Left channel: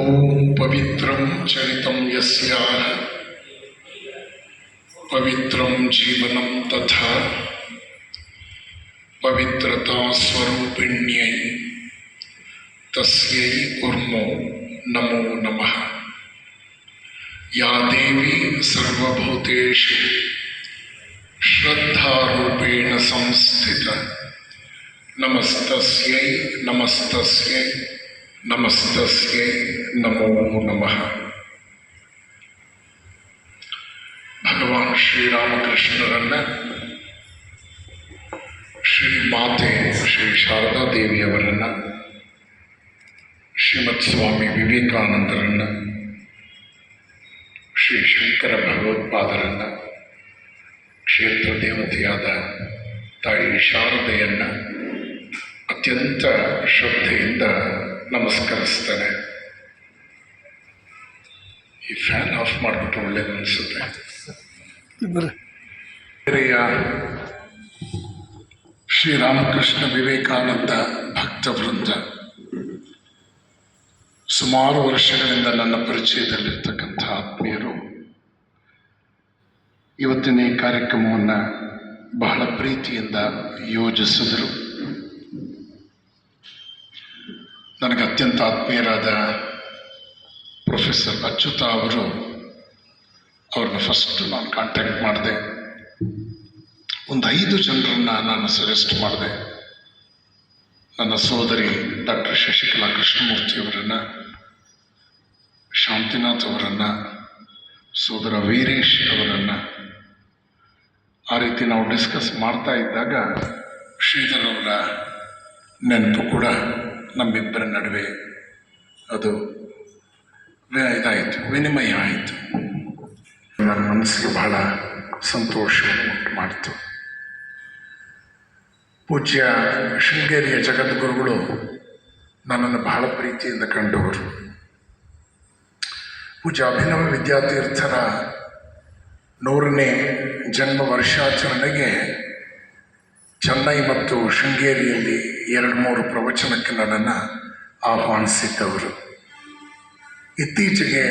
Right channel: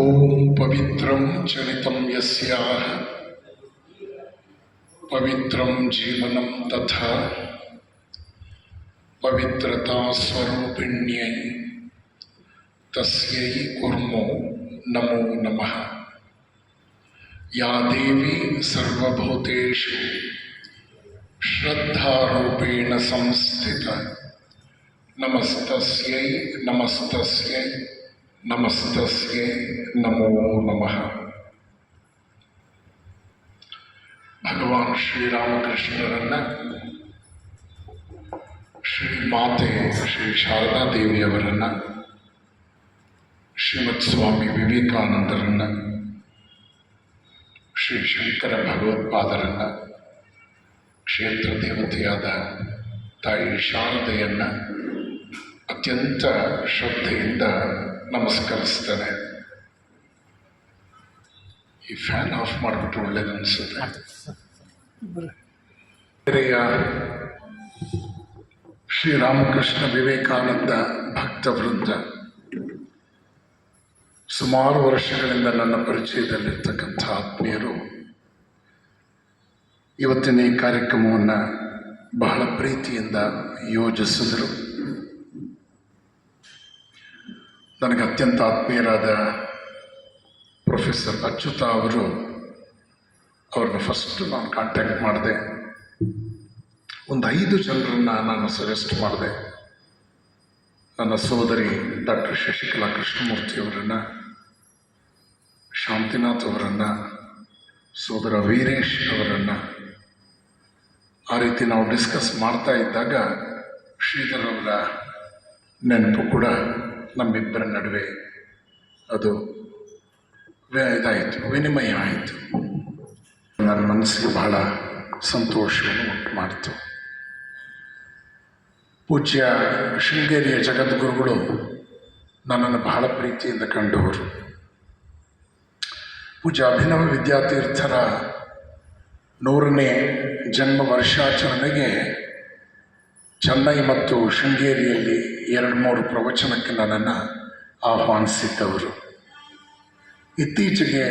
ಓಂ ಪವಿತ್ರಂ ಚರಿತಂ ಯಸ್ಯಾಹ ಪವಿತ್ರಂ ಜೀವನಂ ತಥಾ ಪವಿತ್ರತಾ ಸ್ವರೂಪಿಣ್ಯೈ ತಸ್ಯೈ ಕುರ್ಮೋ ನಮೋ ನಮಃ. ಯಾ ದೇವಿ ಸರ್ವಭೂತೇಷು ಶ್ರದ್ಧಾರೂಪೇಣ ಸಂಸ್ಥಿತ ನಮಸ್ತಸ್ಯೈ ನಮಸ್ತಸ್ಯೈ ನಮಸ್ತಸ್ಯೈ ನಮೋ ನಮಃ. ಭಗವಾನ್ ಶ್ರೀರಾಮಕೃಷ್ಣರನ್ನ ಶ್ರೀ ಮಾತೆ ಶ್ರೀ ಶಾರದಾ ದೇವಿಯವರನ್ನು, ಶ್ರೀಮತ್ ಸ್ವಾಮಿ ವಿವೇಕಾನಂದರನ್ನು, ಶ್ರೀ ಶಂಕರ ಭಗವತ್ಪಾದರನ್ನು, ಕ್ಷೇತ್ರ ದೇವತೆಯಾದ ತಾಯಿ ಶಾರದೆಯನ್ನು ಅತ್ಯಂತ ಶ್ರದ್ಧೆಯಿಂದ ನಮಸ್ಕರಿಸ್ತೇನೆ. ಈ ಫ್ಯಾನ್ ಆಫ್ ಮಾಡಿಬಿಟ್ಟು ಒಳ್ಳೇದು ಅನಿಸುತ್ತೆ. ಶ್ರೀರಾಮಕೃಷ್ಣ ವಿವೇಕಾನಂದ ಭಕ್ತವೃಂದ ಸುಮಾರು ವರ್ಷಗಳಿಂದ ನನ್ನ ಪರಿಚಯದಲ್ಲಿರ್ತಕ್ಕಂಥ ಆತ್ಮೀಯರು ಇವತ್ತಿನ ಈ ಕಾರ್ಯಕ್ರಮವನ್ನು ಬಹಳ ಪ್ರೀತಿಯಿಂದ ಯೋಜಿಸಿದರು. ನನಗೆ ಅತ್ಯಂತ ಆತ್ಮೀಯರಾದ ಪ್ರೊಫೆಸರ್ ಅಚ್ಯುತ ಅವ್ರನ್ನ ಫಸ್ಟ್ ನಾನು ಕಾಂಟ್ಯಾಕ್ಟ್ ಮಾಡಿದೆ. ಒಂದು 5 ಜನರನ್ನು ನಾನು ಸಜೆಸ್ಟ್ ಮಾಡಿದೆ. ನನ್ನ ಸೋದರಿ ಡಾಕ್ಟರ್ ಶಶಿಕಲಾ ಕೃಷ್ಣಮೂರ್ತಿಯವರನ್ನು, ಶಾಂತಿನಾಥ್ ಅವರನ್ನು, ಸೋದರ ವೀರೇಶ್ ಅವರನ್ನು. ಆ ರೀತಿ ನಾವು ಡಿಸ್ಕಸ್ ಮಾಡ್ತಾ ಇದ್ದಾಗ ಶ್ರೀಧರರ ನೆನಪು ಕೂಡ ನಮ್ಮಿಬ್ಬರ ನಡುವೆ ಅದು ಇದಾಯಿತು, ವಿನಿಮಯ ಆಯಿತು. ನನ್ನ ಮನಸ್ಸಿಗೆ ಬಹಳ ಸಂತೋಷವನ್ನು ಉಂಟು ಮಾಡಿತು. ಪೂಜ್ಯ ಶೃಂಗೇರಿಯ ಜಗದ್ಗುರುಗಳು ನನ್ನನ್ನು ಬಹಳ ಪ್ರೀತಿಯಿಂದ ಕಂಡವರು. ಪೂಜ್ಯ ಅಭಿನವ ವಿದ್ಯಾತೀರ್ಥರ 100ನೇ ಜನ್ಮ ವರ್ಷಾಚರಣೆಗೆ ಚೆನ್ನೈ ಮತ್ತು ಶೃಂಗೇರಿಯಲ್ಲಿ 2-3 ಪ್ರವಚನಕ್ಕೆ ನನ್ನನ್ನು ಆಹ್ವಾನಿಸಿದ್ದವರು. ಇತ್ತೀಚೆಗೆ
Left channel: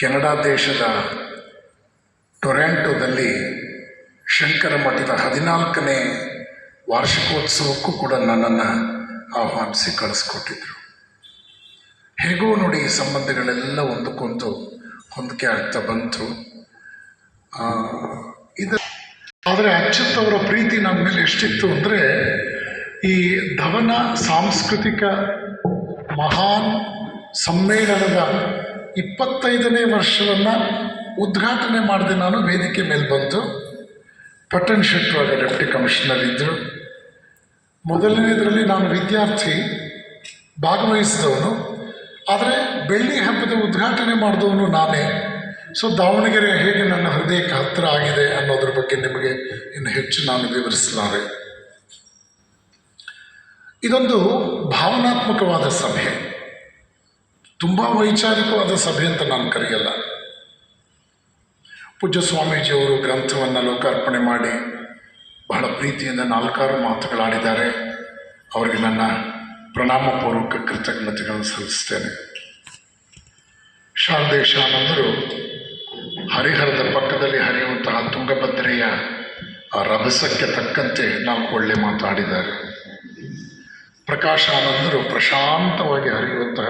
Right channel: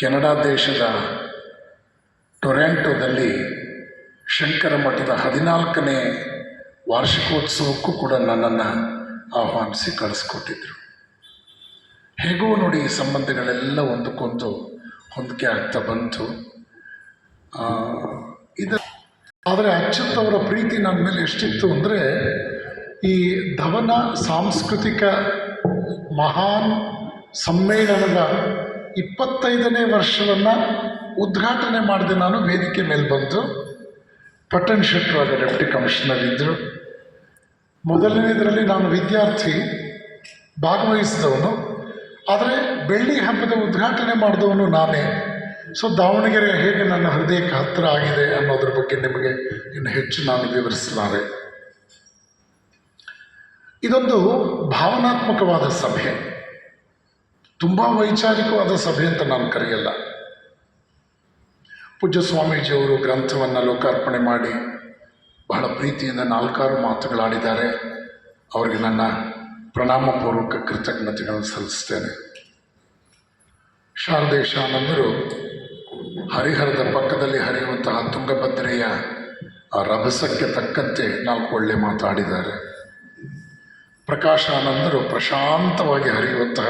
ಕೆನಡಾ ದೇಶದ ಟೊರ್ಯಾಂಟೊದಲ್ಲಿ ಶಂಕರ ಮಠದ 14ನೇ ವಾರ್ಷಿಕೋತ್ಸವಕ್ಕೂ ಕೂಡ ನನ್ನನ್ನು ಆಹ್ವಾನಿಸಿ ಕಳಿಸ್ಕೊಟ್ಟಿದ್ರು. ಹೇಗೋ ನೋಡಿ, ಈ ಸಂಬಂಧಗಳೆಲ್ಲ ಒಂದಕ್ಕೊಂದು ಹೊಂದಿಕೆ ಆಗ್ತಾ ಬಂತು. ಆದರೆ ಅಚ್ಯುತ್ ಅವರ ಪ್ರೀತಿ ನನ್ನ ಮೇಲೆ ಎಷ್ಟಿತ್ತು ಅಂದರೆ, ಈ ಧವನ ಸಾಂಸ್ಕೃತಿಕ ಮಹಾನ್ ಸಮ್ಮೇಳನದ 25ನೇ ವರ್ಷವನ್ನು ಉದ್ಘಾಟನೆ ಮಾಡಿದೆ ನಾನು. ವೇದಿಕೆ ಮೇಲೆ ಬಂತು. ಪಟ್ಟಣ್ ಶೆಟ್ಟರು ಅವರ ಡೆಪ್ಟಿ ಕಮಿಷನರ್ ಇದ್ದರು. ಮೊದಲನೇದರಲ್ಲಿ ನಾನು ವಿದ್ಯಾರ್ಥಿ, ಭಾಗವಹಿಸಿದವನು. ಆದರೆ ಬೆಳ್ಳಿ ಹಬ್ಬದ ಉದ್ಘಾಟನೆ ಮಾಡಿದವನು ನಾನೇ. ಸೊ ದಾವಣಗೆರೆ ಹೇಗೆ ನನ್ನ ಹೃದಯಕ್ಕೆ ಹತ್ತಿರ ಆಗಿದೆ ಅನ್ನೋದ್ರ ಬಗ್ಗೆ ನಿಮಗೆ ಇನ್ನು ಹೆಚ್ಚು ನಾನು ವಿವರಿಸಲಾರೆ. ಇದೊಂದು ಭಾವನಾತ್ಮಕವಾದ ಸಭೆ, ತುಂಬ ವೈಚಾರಿಕವಾದ ಸಭೆ ಅಂತ ನಾನು ಕರೆಯಲ್ಲ. ಪೂಜ್ಯ ಸ್ವಾಮೀಜಿಯವರು ಗ್ರಂಥವನ್ನು ಲೋಕಾರ್ಪಣೆ ಮಾಡಿ ಬಹಳ ಪ್ರೀತಿಯಿಂದ 4 ಮಾತುಗಳಾಡಿದ್ದಾರೆ. ಅವರಿಗೆ ನನ್ನ ಪ್ರಣಾಮಪೂರ್ವಕ ಕೃತಜ್ಞತೆಗಳನ್ನು ಸಲ್ಲಿಸ್ತೇನೆ. ಶಾರದೇಶಾನಂದರು ಹರಿಹರದ ಪಕ್ಕದಲ್ಲಿ ಹರಿಯುವಂತಹ ತುಂಗಭದ್ರೆಯ ಆ ರಭಸಕ್ಕೆ ತಕ್ಕಂತೆ 4 ಒಳ್ಳೆ ಮಾತಾಡಿದ್ದಾರೆ. ಪ್ರಕಾಶಾನಂದರು ಪ್ರಶಾಂತವಾಗಿ ಹರಿಯುವಂತಹ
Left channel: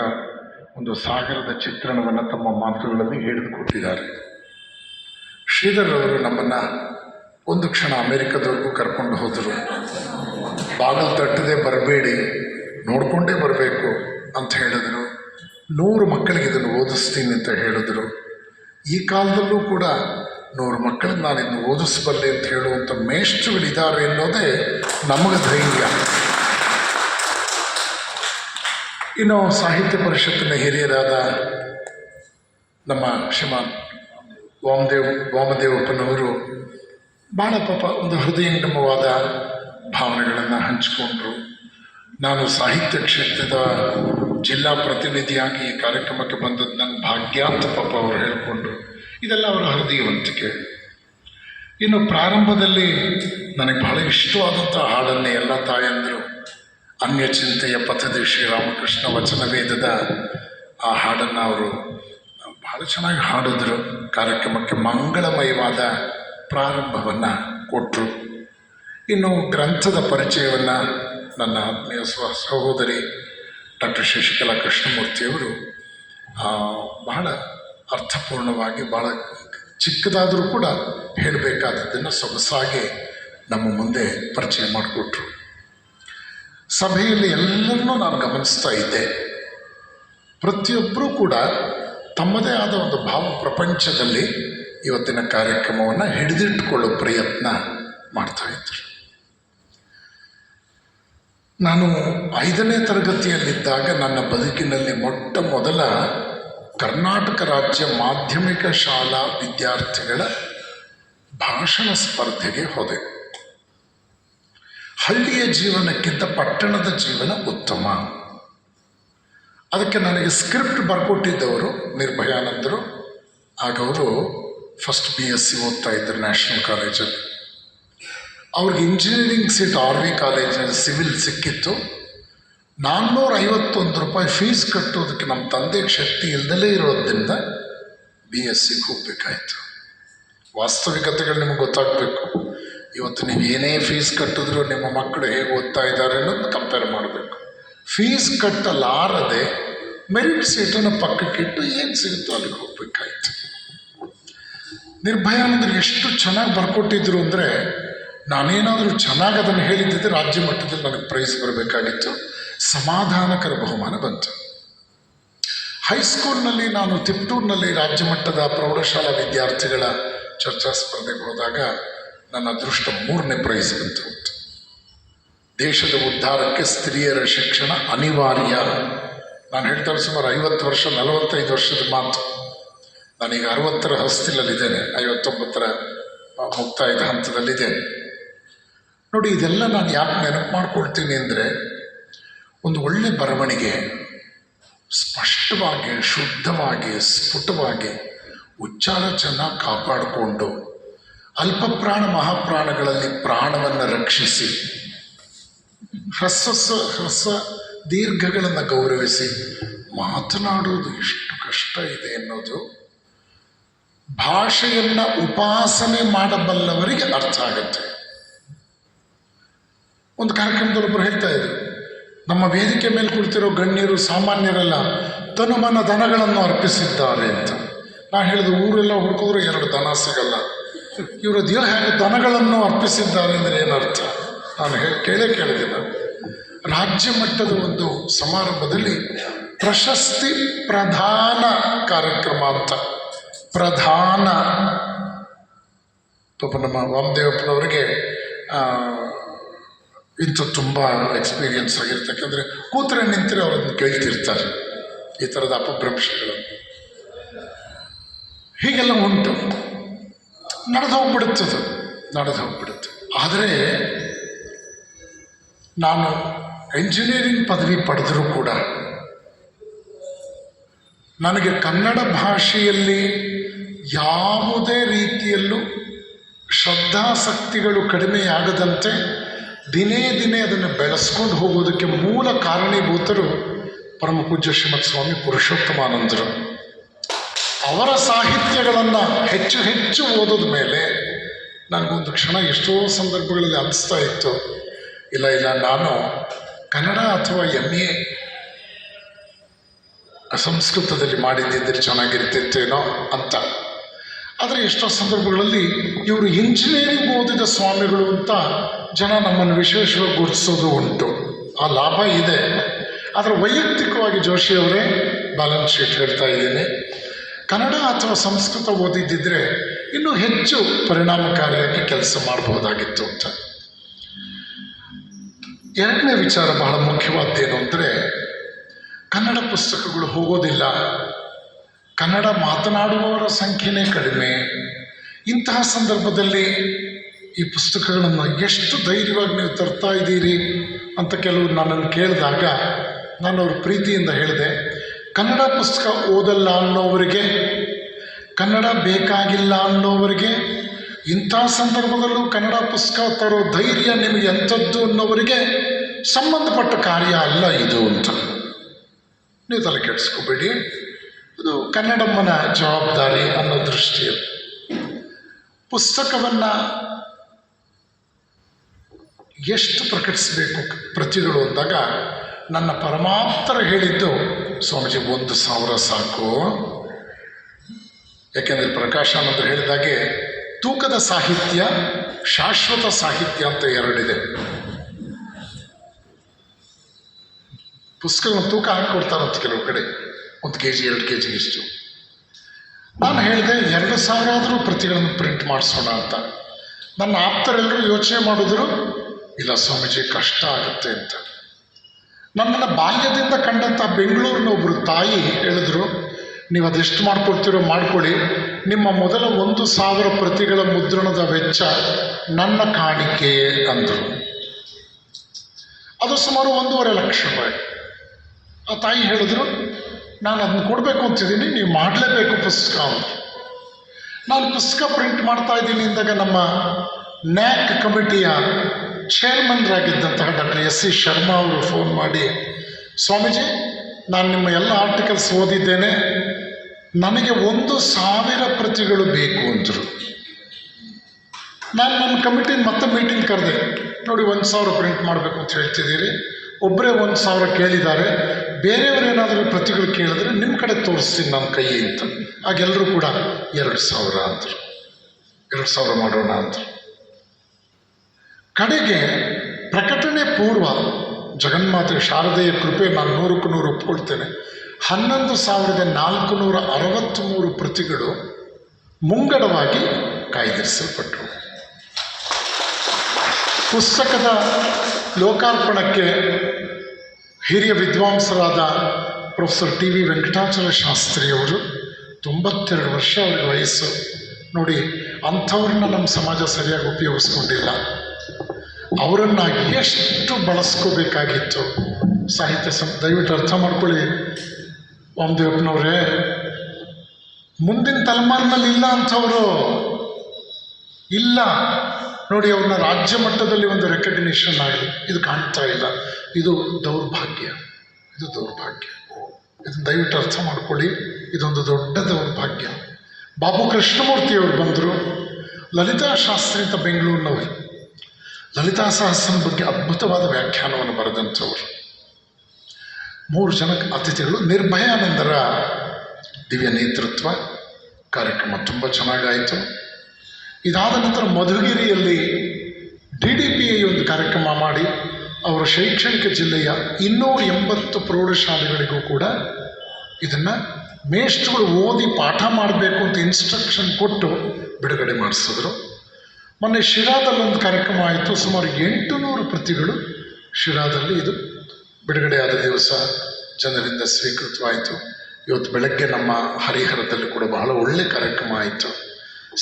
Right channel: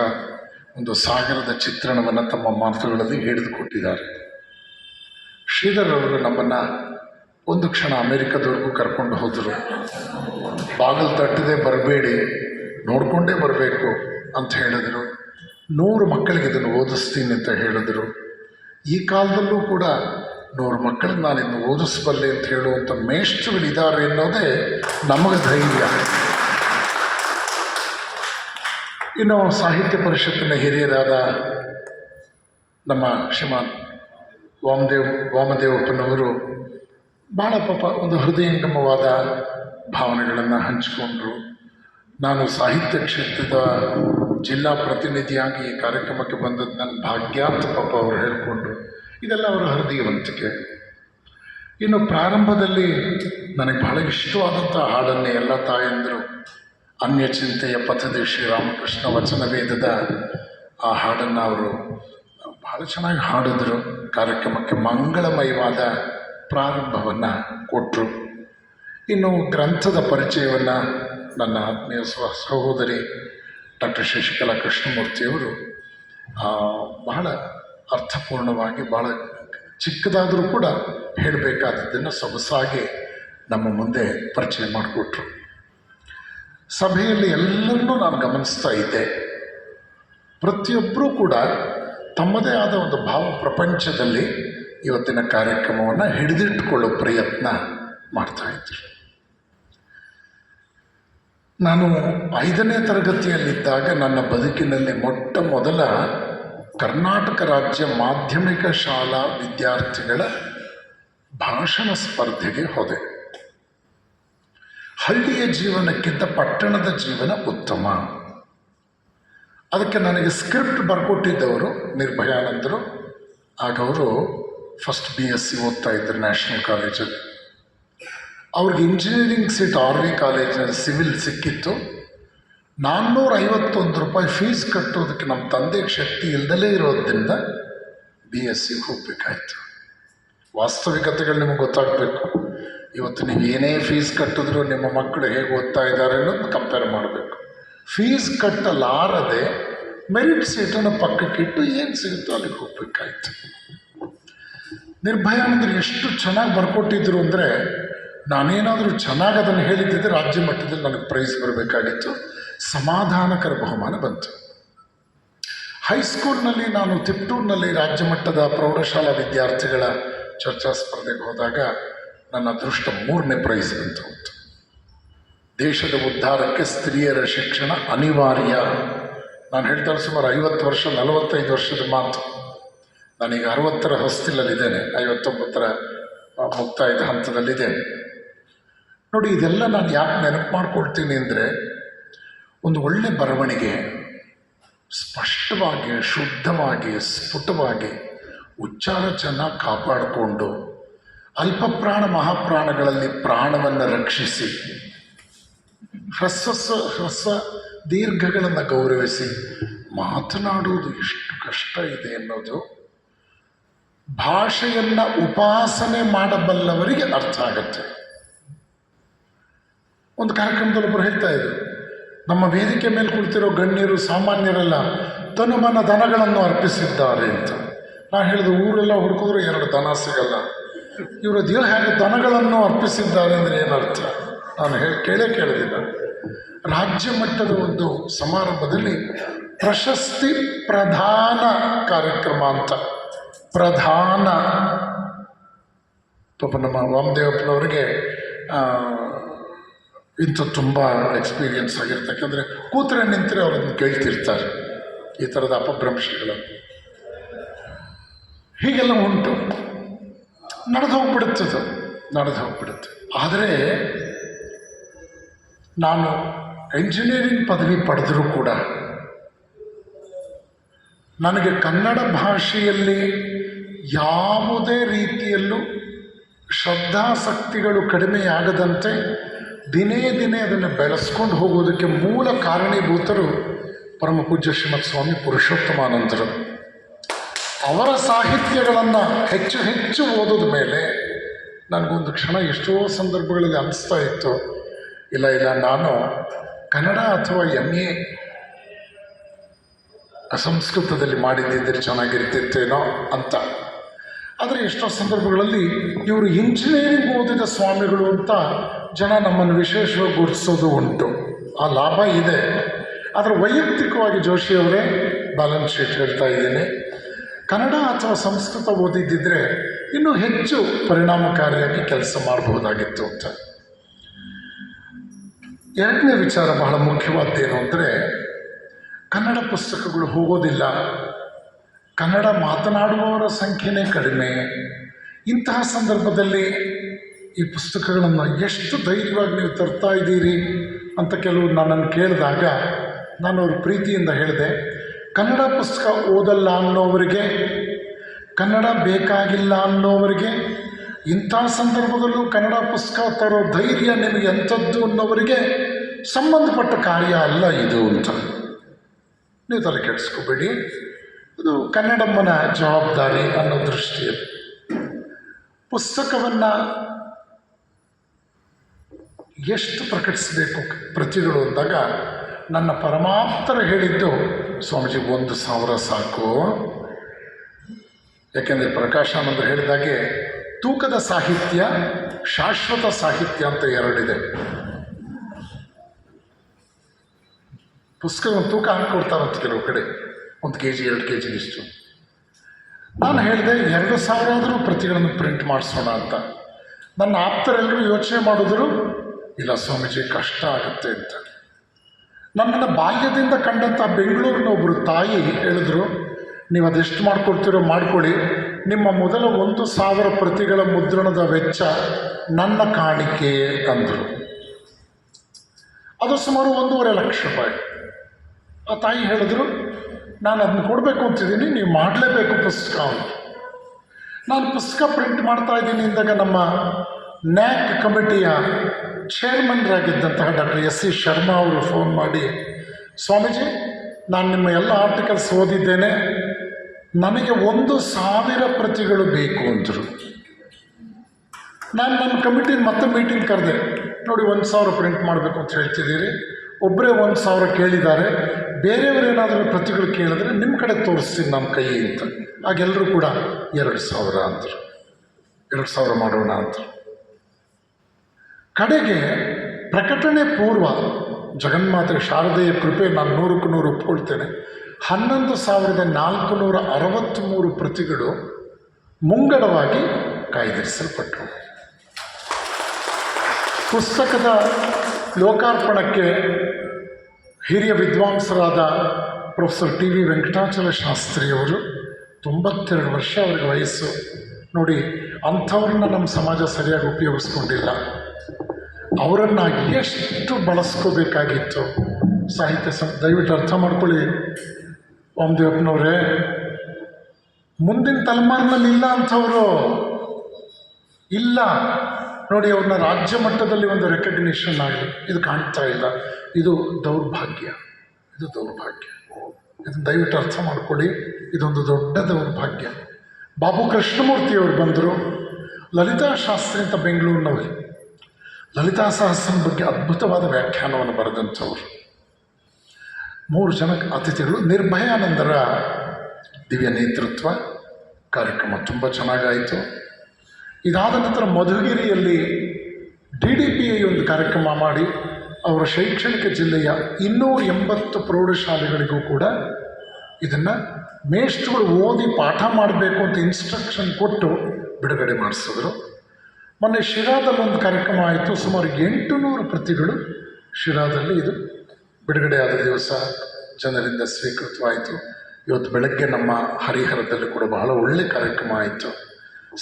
ಒಂದು ಸಾಗರದ ಚಿತ್ರಣವನ್ನು ತಮ್ಮ ಮಾತುಗಳಲ್ಲಿ ಹೇಳಿದುಕೊಟ್ಟಿದ್ದಾರೆ. ಶ್ರೀಧರವರು ನಮ್ಮನ್ನು ಒಂದು ಕ್ಷಣ ಅಮೆರಿಕದವರೆಗೂ ಕರ್ಕೊಂಡು ಹೋದರು. ಬಾಗಿಲು ತಟ್ಟದೆ ಬರಬೇಡಿ, ನೋಡಿಕೊಂಡೇ ಬರಬೇಕು ಅಂತ ಹೇಳಿದರು. 100 ಮಕ್ಕಳಿಗೆ ಇದನ್ನು ಓದಿಸ್ತೀನಿ ಅಂತ ಹೇಳಿದರು. ಈ ಕಾಲದಲ್ಲೂ ಕೂಡ 100 ಮಕ್ಕಳಿಗೆ ನಾನು ಇದನ್ನು ಓದಿಸಬಲ್ಲೆ ಅಂತ ಹೇಳುವಂಥ ಮೇಷ್ಟ್ರುಗಳಿದ್ದಾರೆ ಅನ್ನೋದೇ ನಮಗೆ ಧೈರ್ಯ. ಇನ್ನು ಸಾಹಿತ್ಯ ಪರಿಷತ್ತಿನ ಹಿರಿಯರಾದ ನಮ್ಮ ಶ್ರೀಮಾನ್ ವಾಮದೇವಪ್ಪನವರು ಭಾಳ ಪಾಪ ಒಂದು ಹೃದಯಂಗಮವಾದ ಭಾವನೆಗಳನ್ನು ಹಂಚಿಕೊಂಡ್ರು. ನಾನು ಸಾಹಿತ್ಯ ಕ್ಷೇತ್ರದ ಜಿಲ್ಲಾ ಪ್ರತಿನಿಧಿಯಾಗಿ ಈ ಕಾರ್ಯಕ್ರಮಕ್ಕೆ ಬಂದದ್ದು ನನ್ನ ಭಾಗ್ಯ ಅಂತ ಪಾಪ ಅವರು ಹೇಳಿಕೊಂಡ್ರು. ಇದೆಲ್ಲ ಅವರ ಹೃದಯವಂತಿಕೆ. ಇನ್ನು ಪ್ರಾರಂಭದಲ್ಲಿ ನನಗೆ ಬಹಳ ಇಷ್ಟವಾದಂಥ ಹಾಡನ್ನೇ ಎಲ್ಲ ತಾಯಂದರು ಅನ್ಯಚಿಂತೆಯ ಪಥದಿ ಶ್ರೀರಾಮಕೃಷ್ಣ ವಚನ ವೇದದ ಆ ಹಾಡನ್ನು ಅವರು ಬಹಳ ಚೆನ್ನಾಗಿ ಹಾಡಿದ್ರು. ಕಾರ್ಯಕ್ರಮಕ್ಕೆ ಮಂಗಳಮಯವಾದ ಪ್ರಾರಂಭವನ್ನು ಕೊಟ್ಟರು. ಇನ್ನು ಗ್ರಂಥದ ಪರಿಚಯವನ್ನು ನನ್ನ ಆತ್ಮೀಯ ಸಹೋದರಿ ಡಾಕ್ಟರ್ ಶಶಿಕಲಾ ಕೃಷ್ಣಮೂರ್ತಿಯವರು ಬಹಳ ಅರ್ಥಪೂರ್ಣವಾಗಿ, ಬಹಳ ಚಿಕ್ಕದಾದರೂ ಕೂಡ ಹೇಳಬೇಕಾದದ್ದನ್ನು ಸೊಗಸಾಗಿ ನಮ್ಮ ಮುಂದೆ ಪರಿಚಯ ಮಾಡಿಕೊಟ್ರು. ಸಭೆಯಲ್ಲಿ ಎಲ್ಲರನ್ನೂ ನಾನು ಗಮನಿಸ್ತಾ ಇದ್ದೆ. ಪ್ರತಿಯೊಬ್ಬರೂ ಕೂಡ ತಮ್ಮದೇ ಆದ ಒಂದು ಭಾವ ಪ್ರಪಂಚದಲ್ಲಿ ಇವತ್ತಿನ ಕಾರ್ಯಕ್ರಮವನ್ನು ಹಿಡಿದಿಟ್ಟುಕೊಳ್ಳೋ ಪ್ರಯತ್ನ ಮಾಡ್ತಾಯಿದ್ರು. ನಾನು 5ನೇ ತರಗತಿಯಲ್ಲಿದ್ದಾಗ ನನ್ನ ಬದುಕಿನಲ್ಲಿ ಮೊಟ್ಟ ಮೊದಲ ಕರ್ನಾಟಕ ರಾಜ್ಯ ಮಾಧ್ಯಮಿಕ ಶಾಲಾ ವಿದ್ಯಾರ್ಥಿಗಳ ಭಾಷಣ ಸ್ಪರ್ಧೆಗೆ ಹೋದೆ. ಹಳ್ಳಿಯ ಜೀವನಕ್ಕಿಂತ ಪಟ್ಟಣದ ಜೀವನ ಉತ್ತಮ. ಅದಕ್ಕೆ ನನಗೆ ಸ್ಕ್ರಿಪ್ಟ್ ಬರ್ಕೊಟ್ಟಿದ್ದವರು ನಿರ್ಭಯಾನಂದರು. ಆಗ ಅವರು ಫಸ್ಟ್ BSc ಓದ್ತಾ ಇದ್ದರು ನ್ಯಾಷನಲ್ ಕಾಲೇಜಲ್ಲಿ. ಅವ್ರಿಗೆ ಇಂಜಿನಿಯರಿಂಗ್ ಸೀಟ್ RV ಕಾಲೇಜಿನಲ್ಲಿ ಸಿವಿಲ್ ಸಿಕ್ಕಿತ್ತು. 451 ರೂಪಾಯಿ ಫೀಸ್ ಕಟ್ಟೋದಕ್ಕೆ ನಮ್ಮ ತಂದೆಗೆ ಶಕ್ತಿ ಇಲ್ಲದಲೇ ಇರೋದ್ರಿಂದ BSc ಹೋಗಬೇಕಾಯ್ತು. ವಾಸ್ತವಿಕತೆಗಳು ನಿಮಗೆ ಗೊತ್ತಾಗಬೇಕು. ಇವತ್ತು ನೀವು ಏನೇ ಫೀಸ್ ಕಟ್ಟಿದ್ರು ನಿಮ್ಮ ಮಕ್ಕಳು ಹೇಗೆ ಓದ್ತಾ ಇದ್ದಾರೆ ಅನ್ನೋದು ಕಂಪೇರ್ ಮಾಡಬೇಕು. ಫೀಸ್ ಕಟ್ಟಲಾರದೆ ಮೆರಿಟ್ ಸೀಟನ್ನು ಪಕ್ಕಕ್ಕಿಟ್ಟು ಏನು ಸಿಗುತ್ತೋ ಅಲ್ಲಿಗೆ ಹೋಗ್ಬೇಕಾಯ್ತು. ನಿರ್ಭಯಾನಂದರು ಎಷ್ಟು ಚೆನ್ನಾಗಿ ಬರ್ಕೊಟ್ಟಿದ್ರು ಅಂದರೆ, ನಾನೇನಾದರೂ ಚೆನ್ನಾಗಿ ಅದನ್ನು ಹೇಳಿದ್ದಿದ್ದರೆ ರಾಜ್ಯ ಮಟ್ಟದಲ್ಲಿ ನನಗೆ ಪ್ರೈಸ್ ಬರಬೇಕಾಗಿತ್ತು. ಸಮಾಧಾನಕರ ಬಹುಮಾನ ಬಂತು. ಹೈಸ್ಕೂಲ್ನಲ್ಲಿ ನಾನು ತಿಪ್ಟೂರಿನಲ್ಲಿ ರಾಜ್ಯ ಮಟ್ಟದ ಪ್ರೌಢಶಾಲಾ ವಿದ್ಯಾರ್ಥಿಗಳ ಚರ್ಚಾ ಸ್ಪರ್ಧೆಗೆ ಹೋದಾಗ ನನ್ನ ಅದೃಷ್ಟ 3ನೇ ಪ್ರೈಸ್ ಬಂತು. ದೇಶದ ಉದ್ಧಾರಕ್ಕೆ ಸ್ತ್ರೀಯರ ಶಿಕ್ಷಣ ಅನಿವಾರ್ಯ. ನಾನು ಹೇಳ್ತಾರೆ ಸುಮಾರು 50 ವರ್ಷ 45 ವರ್ಷದ ಮಾತು. ನಾನೀಗ 60ರ ಹೊಸ್ತಿಲಲ್ಲಿದ್ದೇನೆ, 59ರ ಮುಕ್ತಾಯದ ಹಂತದಲ್ಲಿದ್ದೇನೆ. ನೋಡಿ, ಇದೆಲ್ಲ ನಾನು ಯಾಕೆ ನೆನಪು ಮಾಡ್ಕೊಳ್ತೀನಿ ಅಂದರೆ, ಒಂದು ಒಳ್ಳೆ ಬರವಣಿಗೆ ಸ್ಪಷ್ಟವಾಗಿ, ಶುದ್ಧವಾಗಿ, ಸ್ಫುಟವಾಗಿ ಉಚ್ಚಾರ ಚೆನ್ನಾಗಿ ಕಾಪಾಡಿಕೊಂಡು ಅಲ್ಪ ಪ್ರಾಣ ಮಹಾಪ್ರಾಣಗಳಲ್ಲಿ ಪ್ರಾಣವನ್ನು ರಕ್ಷಿಸಿ ಹ್ರಸ್ವ ದೀರ್ಘಗಳನ್ನು ಗೌರವಿಸಿ ಮಾತನಾಡುವುದು ಎಷ್ಟು ಕಷ್ಟ ಇದೆ ಅನ್ನೋದು ಭಾಷೆಯನ್ನು ಉಪಾಸನೆ ಮಾಡಬಲ್ಲವರಿಗೆ ಅರ್ಥ ಆಗುತ್ತೆ. ಒಂದು ಕಾರ್ಯಕ್ರಮದಲ್ಲಿ ಒಬ್ಬರು ಹೇಳ್ತಾ ಇದ್ರು, ನಮ್ಮ ವೇದಿಕೆ ಮೇಲೆ ಕುಳಿತಿರೋ ಗಣ್ಯರು ಸಾಮಾನ್ಯರಲ್ಲ, ತನುಮನ ದನಗಳನ್ನು ಅರ್ಪಿಸಿದ್ದಾರೆ ಅಂತ. ನಾನು ಹೇಳಿದೆ, ಊರೆಲ್ಲ ಹುಡುಕಿದ್ರು 2 ದನ ಸಿಗಲ್ಲ. ಇವರು ಹೇಗೆ ದನಗಳನ್ನು ಅರ್ಪಿಸಿದ್ದಾರೆ ಅಂದರೆ ಏನರ್ಥ? ನಾನು ಕೇಳಿದ್ದೆ. ರಾಜ್ಯ ಮಟ್ಟದ ಒಂದು ಸಮಾರಂಭದಲ್ಲಿ ಪ್ರಶಸ್ತಿ ಪ್ರಧಾನ ಕಾರ್ಯಕ್ರಮ ಅಂತ, ಪ್ರಧಾನ ಪಾಪ ನಮ್ಮ ವಾಮದೇವಪ್ಪನವರಿಗೆ ಇಂಥ ತುಂಬ ಎಕ್ಸ್ಪೀರಿಯನ್ಸ್ ಆಗಿರ್ತಕ್ಕಂದರೆ ಕೂತ್ರೆ ನಿಂತರೆ ಅವರನ್ನು ಕೇಳ್ತಿರ್ತಾರೆ ಈ ಥರದ ಅಪಭ್ರಂಶಗಳು. ಹೀಗೆಲ್ಲ ಉಂಟು, ನಡೆದು ಹೋಗ್ಬಿಡುತ್ತೆ. ಆದರೆ ನಾನು ಇಂಜಿನಿಯರಿಂಗ್ ಪದವಿ ಪಡೆದರೂ ಕೂಡ ನನಗೆ ಕನ್ನಡ ಭಾಷೆಯಲ್ಲಿ ಯಾವುದೇ ರೀತಿಯಲ್ಲೂ ಶ್ರದ್ಧಾಸಕ್ತಿಗಳು ಕಡಿಮೆಯಾಗದಂತೆ ದಿನೇ ಅದನ್ನು ಬೆಳೆಸ್ಕೊಂಡು ಹೋಗೋದಕ್ಕೆ ಮೂಲ ಕಾರಣೀಭೂತರು ಪರಮ ಪೂಜ್ಯ ಶ್ರೀಮತ್ ಸ್ವಾಮಿ ಪುರುಷೋತ್ತಮಾನಂದರು. ಅವರ ಸಾಹಿತ್ಯಗಳನ್ನು ಹೆಚ್ಚು ಓದೋದ ಮೇಲೆ ನನಗೊಂದು ಕ್ಷಣ ಎಷ್ಟೋ ಸಂದರ್ಭಗಳಲ್ಲಿ ಅನಿಸ್ತಾ ಇತ್ತು, ಇಲ್ಲ ನಾನು ಕನ್ನಡ ಅಥವಾ MA ಸಂಸ್ಕೃತದಲ್ಲಿ ಮಾಡಿದ್ದಿದ್ದರೆ ಚೆನ್ನಾಗಿರ್ತಿತ್ತೇನೋ ಅಂತ. ಆದರೆ ಎಷ್ಟೋ ಸಂದರ್ಭಗಳಲ್ಲಿ ಇವರು ಇಂಜಿನಿಯರಿಂಗ್ ಓದಿದ ಸ್ವಾಮಿಗಳು ಅಂತ ಜನ ನಮ್ಮನ್ನು ವಿಶೇಷವಾಗಿ ಗುರುತಿಸೋದು ಉಂಟು. ಆ ಲಾಭ ಇದೆ. ಆದರೆ ವೈಯಕ್ತಿಕವಾಗಿ ಜೋಶಿಯವರೇ ಬ್ಯಾಲೆನ್ಸ್ ಶೀಟ್ ಹೇಳ್ತಾ ಇದ್ದೀನಿ, ಕನ್ನಡ ಅಥವಾ ಸಂಸ್ಕೃತ ಓದಿದ್ದಿದ್ರೆ ಇನ್ನೂ ಹೆಚ್ಚು ಪರಿಣಾಮಕಾರಿಯಾಗಿ ಕೆಲಸ ಮಾಡಬಹುದಾಗಿತ್ತು ಅಂತ. 2ನೇ ವಿಚಾರ ಬಹಳ ಮುಖ್ಯವಾದ್ದೇನು ಅಂದರೆ, ಕನ್ನಡ ಪುಸ್ತಕಗಳು ಹೋಗೋದಿಲ್ಲ, ಕನ್ನಡ ಮಾತನಾಡುವವರ ಸಂಖ್ಯೆನೇ ಕಡಿಮೆ. ಇಂತಹ ಸಂದರ್ಭದಲ್ಲಿ ಈ ಪುಸ್ತಕಗಳನ್ನು ಎಷ್ಟು ಧೈರ್ಯವಾಗಿ ನೀವು ತರ್ತಾ ಇದ್ದೀರಿ ಅಂತ ಕೆಲವರು ನನ್ನನ್ನು ಕೇಳಿದಾಗ ನಾನು ಅವ್ರ ಪ್ರೀತಿಯಿಂದ ಹೇಳಿದೆ, ಕನ್ನಡ ಪುಸ್ತಕ ಓದಲ್ಲ ಅನ್ನೋವರಿಗೆ, ಕನ್ನಡ ಬೇಕಾಗಿಲ್ಲ ಅನ್ನೋವರಿಗೆ, ಇಂಥ ಸಂದರ್ಭದಲ್ಲೂ ಕನ್ನಡ ಪುಸ್ತಕ ತರೋ ಧೈರ್ಯ ನಿಮಗೆ ಎಂಥದ್ದು ಅನ್ನೋವರಿಗೆ ಸಂಬಂಧಪಟ್ಟ ಕಾರ್ಯ ಅಲ್ಲ ಇದು ಅಂತ. ನೀವು ತಲೆ ಕೆಡಿಸ್ಕೋಬೇಡಿ, ಇದು ಕನ್ನಡಮ್ಮನ ಜವಾಬ್ದಾರಿ ಅನ್ನೋ ದೃಷ್ಟಿಯಲ್ಲಿ ಪುಸ್ತಕವನ್ನು ಎಷ್ಟು ಪ್ರಕಟಿಸಬೇಕು ಪ್ರತಿಗಳು ಅಂದಾಗ ನನ್ನ ಪರಮಾತ್ತರ ಹೇಳಿದ್ದು, ಸ್ವಾಮೀಜಿ 1,000 ಸಾಕು. ಯಾಕೆಂದರೆ ಪ್ರಕಾಶಾನಂದರು ಹೇಳಿದಾಗೆ ತೂಕದ ಸಾಹಿತ್ಯ, ಶಾಶ್ವತ ಸಾಹಿತ್ಯ ಅಂತ ಎರಡಿದೆ. ಪುಸ್ತಕ ತೂಕ ಹಾಕಿಕೊಡ್ತಾರಂತ ಕೆಲವು ಕಡೆ, 1 kg 2 kg ಇಷ್ಟು. ನಾನು ಹೇಳಿದೆ 2,000 ಆದರೂ ಪ್ರತಿಗಳನ್ನು ಪ್ರಿಂಟ್ ಮಾಡಿಸೋಣ ಅಂತ. ನನ್ನ ಆಪ್ತರೆಲ್ಲರೂ ಯೋಚನೆ ಮಾಡಿದ್ರು, ಇಲ್ಲ ಸ್ವಾಮೀಜಿ ಕಷ್ಟ ಆಗುತ್ತೆ ಅಂತ. ನನ್ನನ್ನು ಬಾಲ್ಯದಿಂದ ಕಂಡಂಥ ಬೆಂಗಳೂರಿನ ಒಬ್ಬರು ತಾಯಿ ಹೇಳಿದ್ರು, ನೀವು ಅದೆಷ್ಟು ಮಾಡ್ಕೊಳ್ತೀರೋ ಮಾಡ್ಕೊಳ್ಳಿ, ನಿಮ್ಮ ಮೊದಲ 1,000 ಪ್ರತಿಗಳ ಮುದ್ರಣದ ವೆಚ್ಚ ನನ್ನ ಕಾಣಿಕೆ ಅಂದರು. ಅದು ಸುಮಾರು 1.5 ಲಕ್ಷ ರೂಪಾಯಿ. ಆ ತಾಯಿ ಹೇಳಿದ್ರು, ನಾನು ಅದನ್ನು ಕೊಡಬೇಕು ಅಂತಿದ್ದೀನಿ, ನೀವು ಮಾಡಲೇಬೇಕು ಪುಸ್ತಕ ಅಂತ. ನಾನು ಪುಸ್ತಕ ಪ್ರಿಂಟ್ ಮಾಡ್ತಾ ಇದ್ದೀನಿ ಅಂದಾಗ ನಮ್ಮ ನ್ಯಾಕ್ ಕಮಿಟಿಯ ಚೇರ್ಮನ್ರಾಗಿದ್ದಂತಹ ಡಾಕ್ಟರ್ S.C. ಶರ್ಮಾ ಅವರು ಫೋನ್ ಮಾಡಿ, ಸ್ವಾಮೀಜಿ ನಾನು ನಿಮ್ಮ ಎಲ್ಲ ಆರ್ಟಿಕಲ್ಸ್ ಓದಿದ್ದೇನೆ, ನನಗೆ 1,000 ಪ್ರತಿಗಳು ಬೇಕು ಅಂದರು. ನಾನು ನಮ್ಮ ಕಮಿಟಿ ಮತ್ತೆ ಮೀಟಿಂಗ್ ಕರೆದೆ, ನೋಡಿ 1,000 ಪ್ರಿಂಟ್ ಮಾಡಬೇಕು ಅಂತ ಹೇಳ್ತಿದ್ದೀರಿ, ಒಬ್ಬರೇ 1,000 ಕೇಳಿದ್ದಾರೆ, ಬೇರೆಯವರು ಏನಾದರೂ ಪ್ರತಿಗಳು ಕೇಳಿದ್ರೆ ನಿಮ್ಮ ಕಡೆ ತೋರಿಸ್ತೀನಿ ನನ್ನ ಕೈ ಅಂತ. ಆಗೆಲ್ಲರೂ ಕೂಡ 2,000 ಅಂದರು, 2,000 ಮಾಡೋಣ ಅಂತ. ಕಡೆಗೆ ಪ್ರಕಟಣೆ ಪೂರ್ವ ಜಗನ್ಮಾತೆ ಶಾರದೆಯ ಕೃಪೆ ನಾನು 100ಕ್ಕೆ 100 ಒಪ್ಕೊಳ್ತೇನೆ, 11,463 ಪ್ರತಿಗಳು ಮುಂಗಡವಾಗಿ ಕಾಯ್ದಿರಿಸಲ್ಪಟ್ಟರು. ಪುಸ್ತಕದ ಲೋಕಾರ್ಪಣಕ್ಕೆ ಹಿರಿಯ ವಿದ್ವಾಂಸರಾದ ಪ್ರೊಫೆಸರ್ ಟಿ ವಿ ವೆಂಕಟಾಚಲ ಶಾಸ್ತ್ರಿಯವರು 92 ವರ್ಷ ಅವರ ವಯಸ್ಸು. ನೋಡಿ, ಅಂಥವ್ರನ್ನ ನಮ್ಮ ಸಮಾಜ ಸರಿಯಾಗಿ ಉಪಯೋಗಿಸ್ಕೊಂಡಿಲ್ಲ. ಅವರನ್ನು ಎಷ್ಟು ಬಳಸ್ಕೋಬೇಕಾಗಿತ್ತು ಸಾಹಿತ್ಯ ದಯವಿಟ್ಟು ಅರ್ಥ ಮಾಡ್ಕೊಳ್ಳಿ ವಾಮದೇವಪ್ಪನವರೇ, ಮುಂದಿನ ತಲೆಮಾರಿನಲ್ಲಿ ಇಲ್ಲ ಅಂಥವರು ಇಲ್ಲ. ನೋಡಿ, ಅವ್ರನ್ನ ರಾಜ್ಯ ಮಟ್ಟದಲ್ಲಿ ಒಂದು ರೆಕಗ್ನಿಷನ್ ಆಗಲಿ, ಇದು ಕಾಣ್ತಾ ಇಲ್ಲ. ಇದು ದೌರ್ಭಾಗ್ಯ, ಇದು ದೌರ್ಭಾಗ್ಯ. ಇದನ್ನು ದಯವಿಟ್ಟು ಅರ್ಥ ಮಾಡ್ಕೊಳ್ಳಿ, ಇದೊಂದು ದೊಡ್ಡ ದೌರ್ಭಾಗ್ಯ. ಬಾಬು ಕೃಷ್ಣಮೂರ್ತಿಯವರು ಬಂದರು, ಲಲಿತಾ ಶಾಸ್ತ್ರಿ ಅಂತ ಬೆಂಗಳೂರಿನವರು, ಲಲಿತಾ ಸಹಸ್ರನ ಬಗ್ಗೆ ಅದ್ಭುತವಾದ ವ್ಯಾಖ್ಯಾನವನ್ನು ಬರೆದಂಥವ್ರು. 3 ಜನ ಅತಿಥಿಗಳು. ನಿರ್ಭಯಾನಂದರ ದಿವ್ಯ ನೇತೃತ್ವ ಕಾರ್ಯಕ್ರಮ ತುಂಬ ಚೆನ್ನಾಗಾಯಿತು. ಇದಾದ ನಂತರ ಮಧುಗಿರಿಯಲ್ಲಿ DDPI ಒಂದು ಕಾರ್ಯಕ್ರಮ ಮಾಡಿ ಅವರ ಶೈಕ್ಷಣಿಕ ಜಿಲ್ಲೆಯ 280 ಪ್ರೌಢಶಾಲೆಗಳಿಗೂ ಕೂಡ ಇದನ್ನು ಮೇಷ್ಟ್ರುಗಳು ಓದಿ ಪಾಠ ಮಾಡಬೇಕು ಅಂತ ಇನ್ಸ್ಟ್ರಕ್ಷನ್ ಕೊಟ್ಟು ಬಿಡುಗಡೆ ಮಾಡಿಸಿದ್ರು. ಮೊನ್ನೆ ಶಿರಾದಲ್ಲಿ ಒಂದು ಕಾರ್ಯಕ್ರಮ ಆಯಿತು, ಸುಮಾರು 800 ಪ್ರತಿಗಳು ಶಿರಾದಲ್ಲಿ ಇದು ಬಿಡುಗಡೆಯಾದ ದಿವಸ ಜನರಿಂದ ಸ್ವೀಕೃತವಾಯಿತು. ಇವತ್ತು ಬೆಳಗ್ಗೆ ನಮ್ಮ ಹರಿಹರದಲ್ಲಿ ಕೂಡ ಬಹಳ ಒಳ್ಳೆಯ ಕಾರ್ಯಕ್ರಮ ಆಯಿತು.